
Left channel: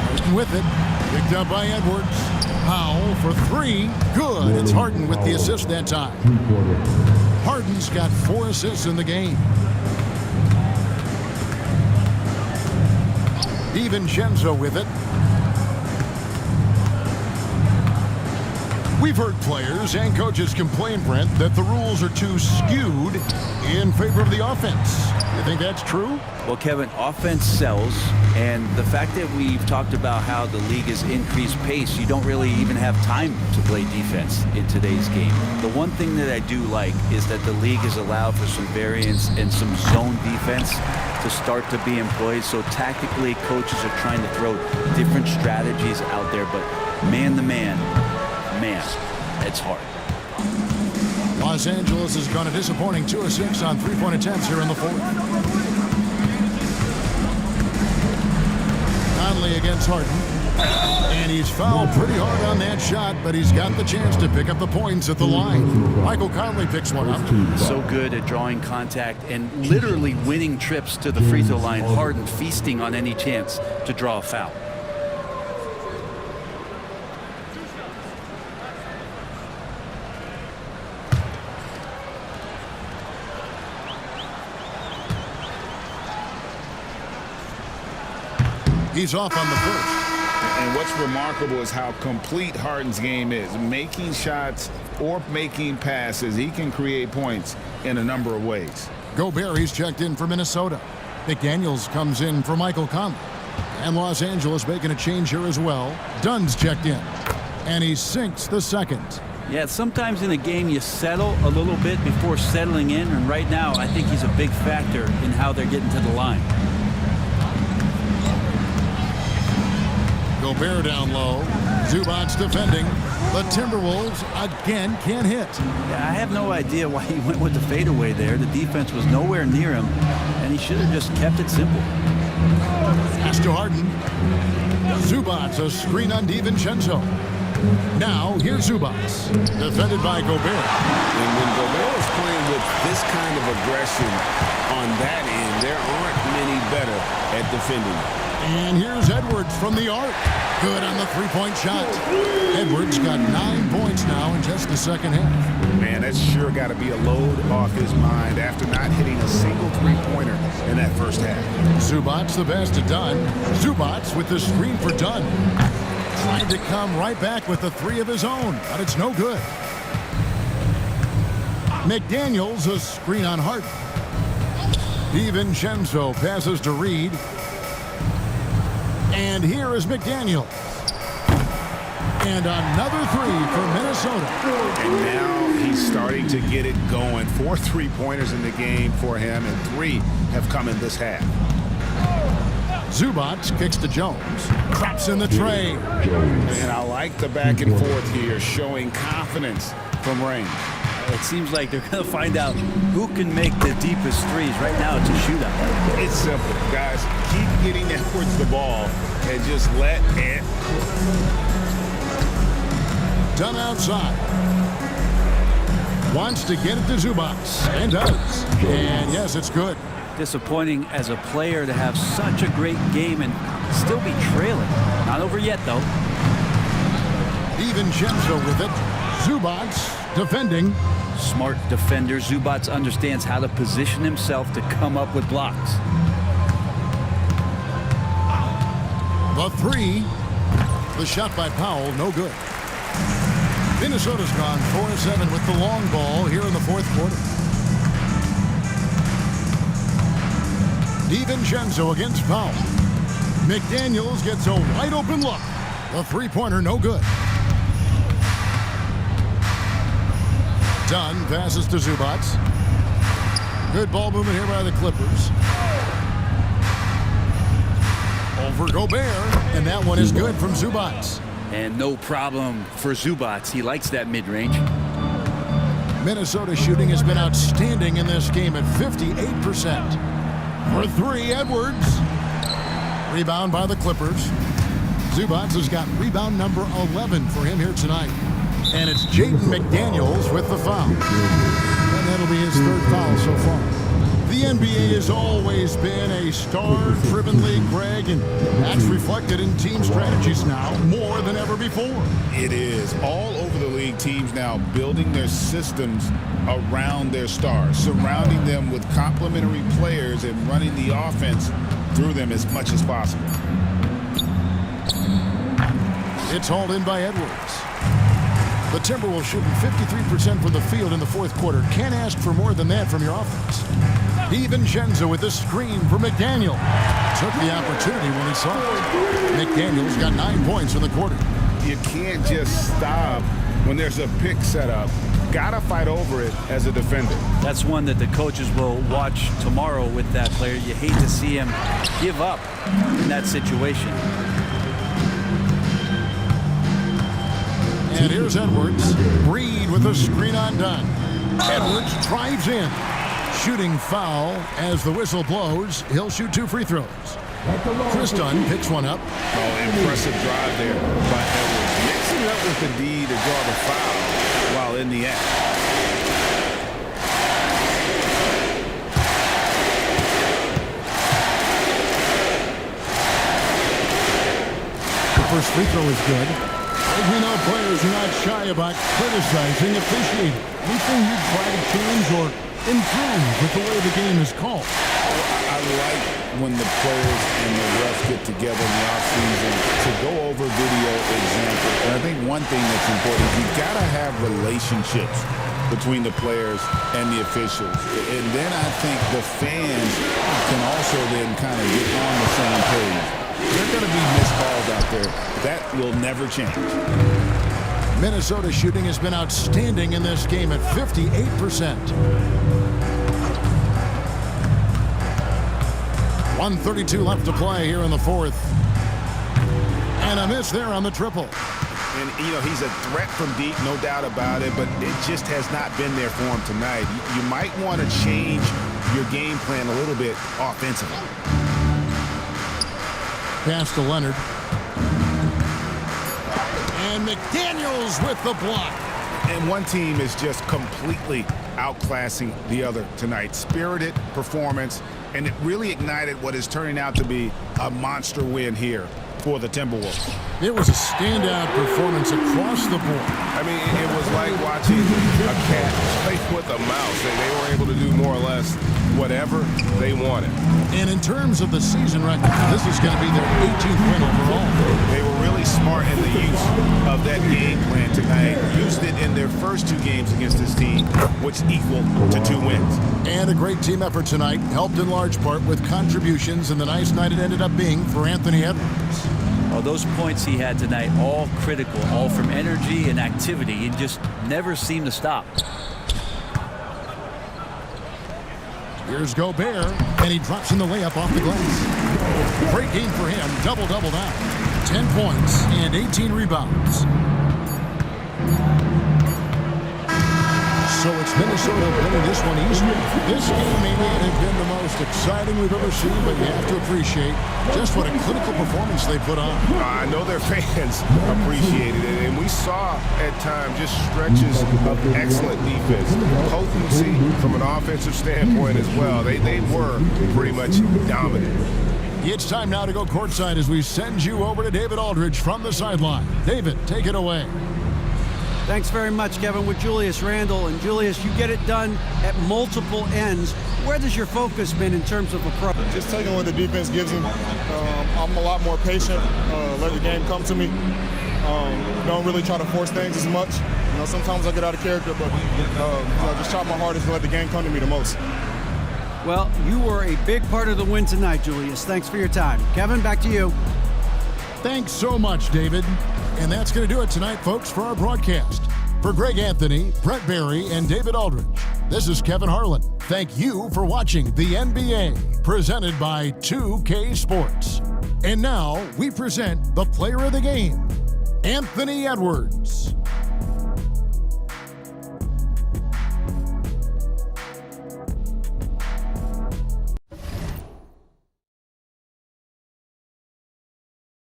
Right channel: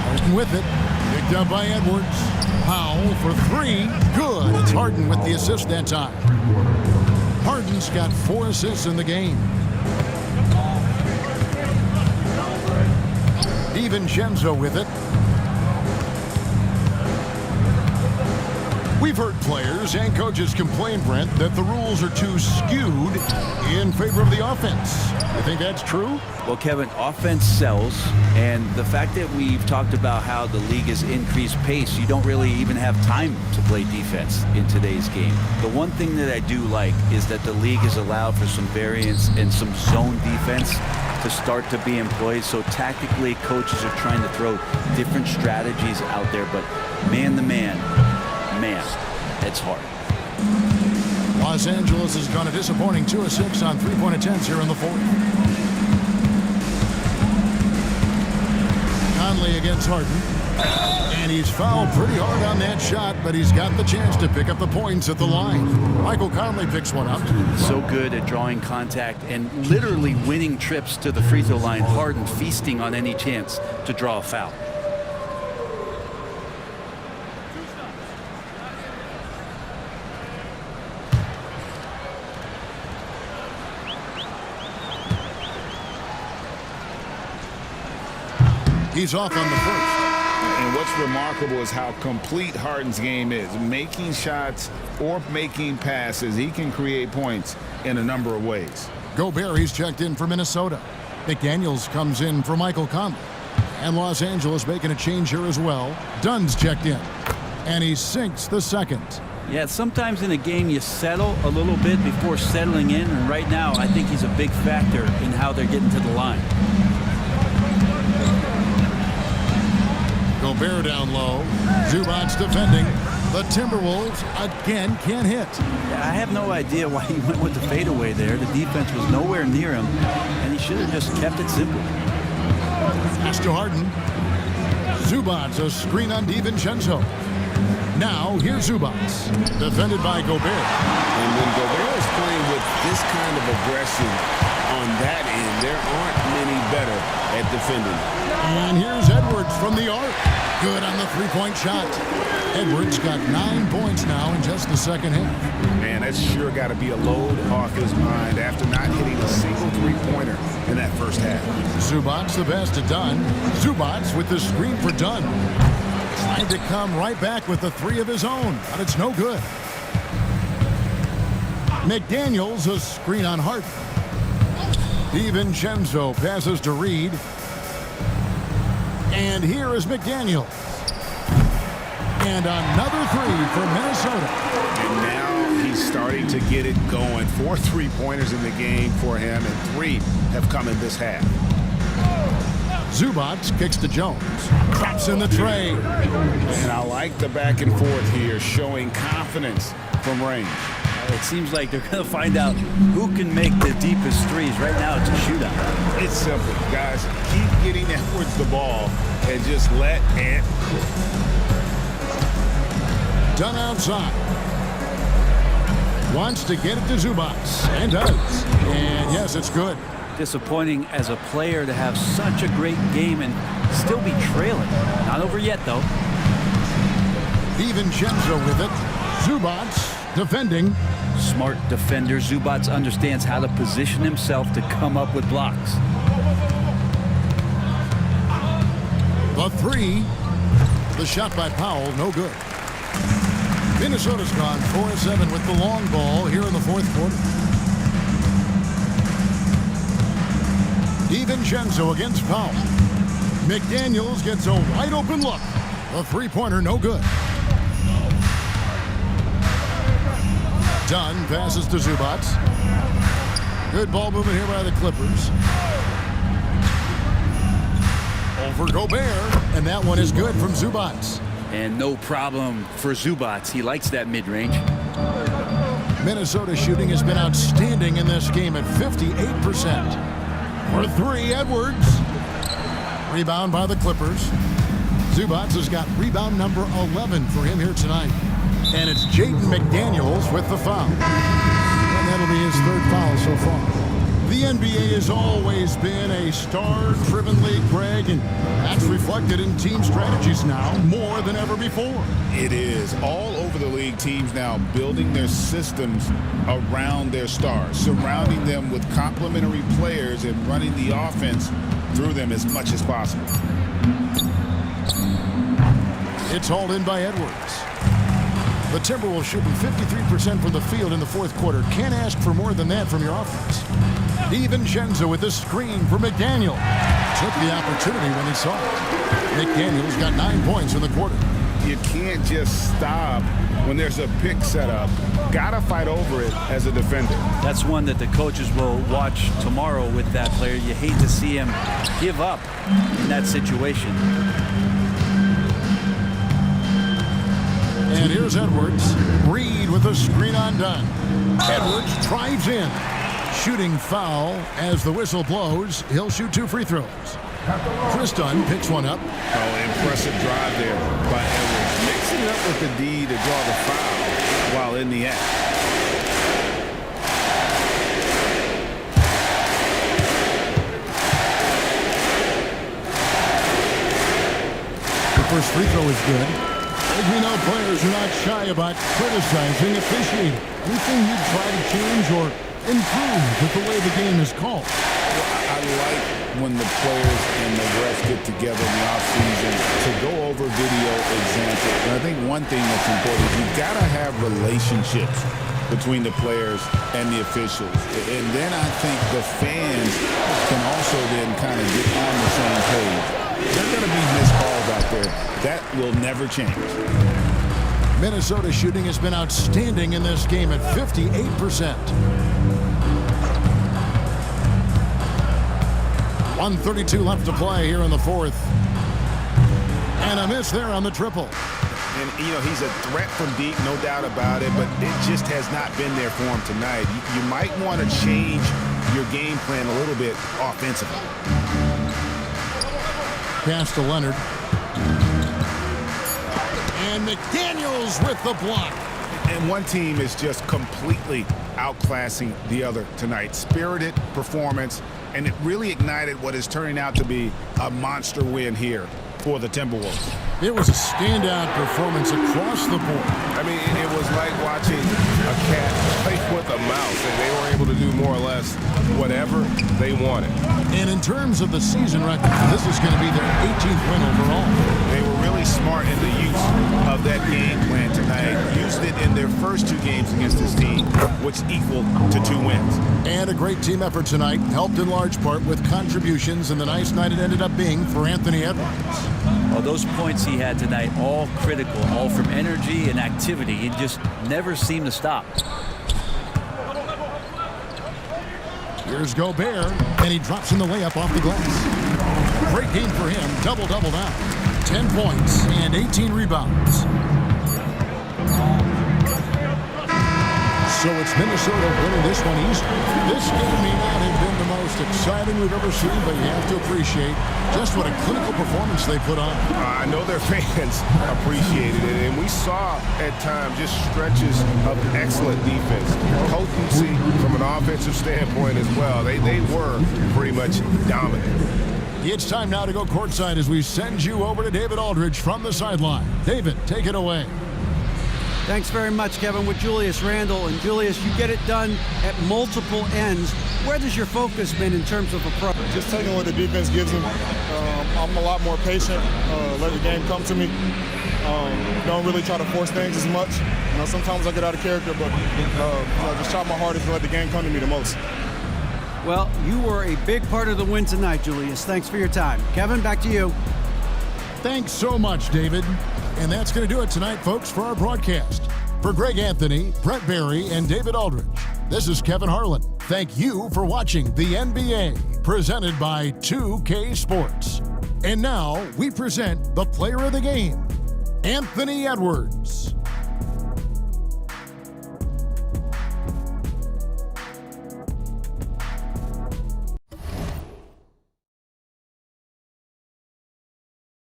Harden with it. Picked up by Edwards. Powell for 3. Good. It's Harden with the assist that time. Harden's got 4 assists in the game. DiVincenzo with it. We've heard players and coaches complain, Brent, that the rules are too skewed in favor of the offense. You think that's true? Well, Kevin, offense sells, and the fact that we've talked about how the league has increased pace, you don't really even have time to play defense in today's game. The one thing that I do like is that the league has allowed for some variance and some zone defense to start to be employed. So tactically, coaches are trying to throw different strategies out there, but man-to-man, man, it's hard. Los Angeles has gone a disappointing 2 of 6 on 3-point attempts here in the fourth. Conley against Harden. And he's fouled pretty hard on that shot, but he's got the chance to pick up the points at the line. Michael Conley picks one up. So good at drawing contact and literally winning trips to the free throw line. Harden feasting on any chance to draw a foul. He's off on the first. And what's remarkable is how complete Harden's game is. Making shots or making passes, he can create points in a number of ways. Gobert, he's checked in for Minnesota. McDaniels comes in for Michael Conley. And Los Angeles making a change here as well. Dunn's checked in. And he sinks the second. Yeah, sometimes in a game you settle a little bit before settling in. And right now, I think he's a big factor in how they're getting to the line. Gobert down low. Zubac's defending. The Timberwolves again can't hit. Yeah, I have no idea why he went with the fadeaway there. The defense was nowhere near him, and he should have just kept it simple. Pass to Harden. Zubac's a screen on DiVincenzo. Now here's Zubac's, defended by Gobert. And when Gobert is playing with this kind of aggression on that end, there aren't many better at defending. And here's Edwards from the arc. Good on the three-point shot. Edwards got 9 points now in just the second half. Man, that's sure got to be a load off his mind after not hitting a single three-pointer in that first half. Zubac's the best to Dunn. Zubac's with the screen for Dunn. Trying to come right back with the three of his own, but it's no good. McDaniels a screen on Harden. DiVincenzo passes to Reed. And here is McDaniels. And another three for Minnesota. And now he's starting to get it going. 4 3-pointers in the game for him, and 3 have come in this half. Zubac kicks to Jones. Traps in the tray. And I like the back and forth here, showing confidence from range. It seems like they're going to find out who can make the deepest threes. Right now, it's a shootout. It's simple, guys. Keep getting Edwards the ball and just let it cook. Dunn outside. Wants to get it to Zubac, and does. And yes, it's good. Disappointing as a player to have such a great game and still be trailing. Not over yet, though. DiVincenzo with it. Zubac defending. Smart defender. Zubac understands how to position himself to come up with blocks. The three. The shot by Powell, no good. Minnesota's gone 4-7 with the long ball here in the fourth quarter. DiVincenzo against Powell. McDaniels gets a wide open look. The three-pointer, no good. Dunn passes to Zubac. Good ball movement here by the Clippers. Over Gobert, and that one is good from Zubac. And no problem for Zubac. He likes that mid-range. Minnesota shooting has been outstanding in this game at 58%. For three, Edwards. Rebound by the Clippers. Zubac has got rebound number 11 for him here tonight. And it's Jaden McDaniels with the foul. And that'll be his third foul so far. The NBA has always been a star-driven league, Greg, and that's reflected in team strategies now more than ever before. It is. All over the league, teams now building their systems around their stars, surrounding them with complementary players and running the offense through them as much as possible. It's hauled in by Edwards. The Timberwolves shooting 53% from the field in the fourth quarter. Can't ask for more than that from your offense. DiVincenzo with the screen for McDaniel. Took the opportunity when he saw it. McDaniel's got 9 points in the quarter. You can't just stop when there's a pick set up. Gotta fight over it as a defender. That's one that the coaches will watch tomorrow with that player. You hate to see him give up in that situation. And here's Edwards. Reed with a screen on Dunn. Edwards drives in. Shooting foul as the whistle blows. He'll shoot 2 free throws. Chris Dunn picks one up. Oh, impressive drive there by Edwards. Mixing it up with the D to draw the foul while in the act. The first free throw is good. As we know, players are not shy about criticizing officiating. Anything you'd try to change or improve with the way the game is called? I like when the players and the refs get together in the offseason to go over video examples. And I think one thing that's important is you've got to have relationships between the players and the officials. And then I think the fans can also then kind of get on the same page. There are going to be missed calls out there. That will never change. Minnesota shooting has been outstanding in this game at 58%. 1:32 left to play here in the fourth. And a miss there on the triple. And, you know, he's a threat from deep, no doubt about it, but it just has not been there for him tonight. You might want to change your game plan a little bit offensively. Pass to Leonard. And McDaniels with the block. And one team is just completely outclassing the other tonight. Spirited performance, and it really ignited what is turning out to be a monster win here for the Timberwolves. It was a standout performance across the board. I mean, it was like watching a cat play with a mouse, and they were able to do more or less whatever they wanted. And in terms of the season record, this is going to be their 18th win overall. They were really smart in the use of that game plan tonight. Used it in their first two games against this team, which equaled to 2 wins. And a great team effort tonight, helped in large part with contributions, and the nice night it ended up being for Anthony Edwards. Well, those points he had tonight, all critical, all from energy and activity. He just never seemed to stop. Here's Gobert, and he drops in the layup off the glass. Great game for him, double-double down. 10 points and 18 rebounds. So it's Minnesota winning this one easily. This game may not have been the most exciting we've ever seen, but you have to appreciate just what a clinical performance they put on. I know their fans appreciated it, and we saw at times just stretches of excellent defense. Potency from an offensive standpoint as well. They were pretty much dominant. It's time now to go courtside as we send you over to David Aldridge from the sideline. David, take it away. Thanks very much, Kevin, with Julius Randle. And Julius, you get it done at multiple ends. Where does your focus been in terms of approach? Just taking what the defense gives him. I'm a lot more patient, let the game come to me. Don't really try to force things as much. You know, sometimes I get out of character, but just try my hardest to let the game come to me the most. Well, you were a big part of the win tonight, Julius. Thanks for your time. Kevin, back to you. Thanks so much, David. And that's going to do it tonight, folks, for our broadcast. For Greg Anthony, Brett Barry, and David Aldridge, this is Kevin Harlan. Thank you for watching the NBA, presented by 2K Sports. And now we present the player of the game, Anthony Edwards.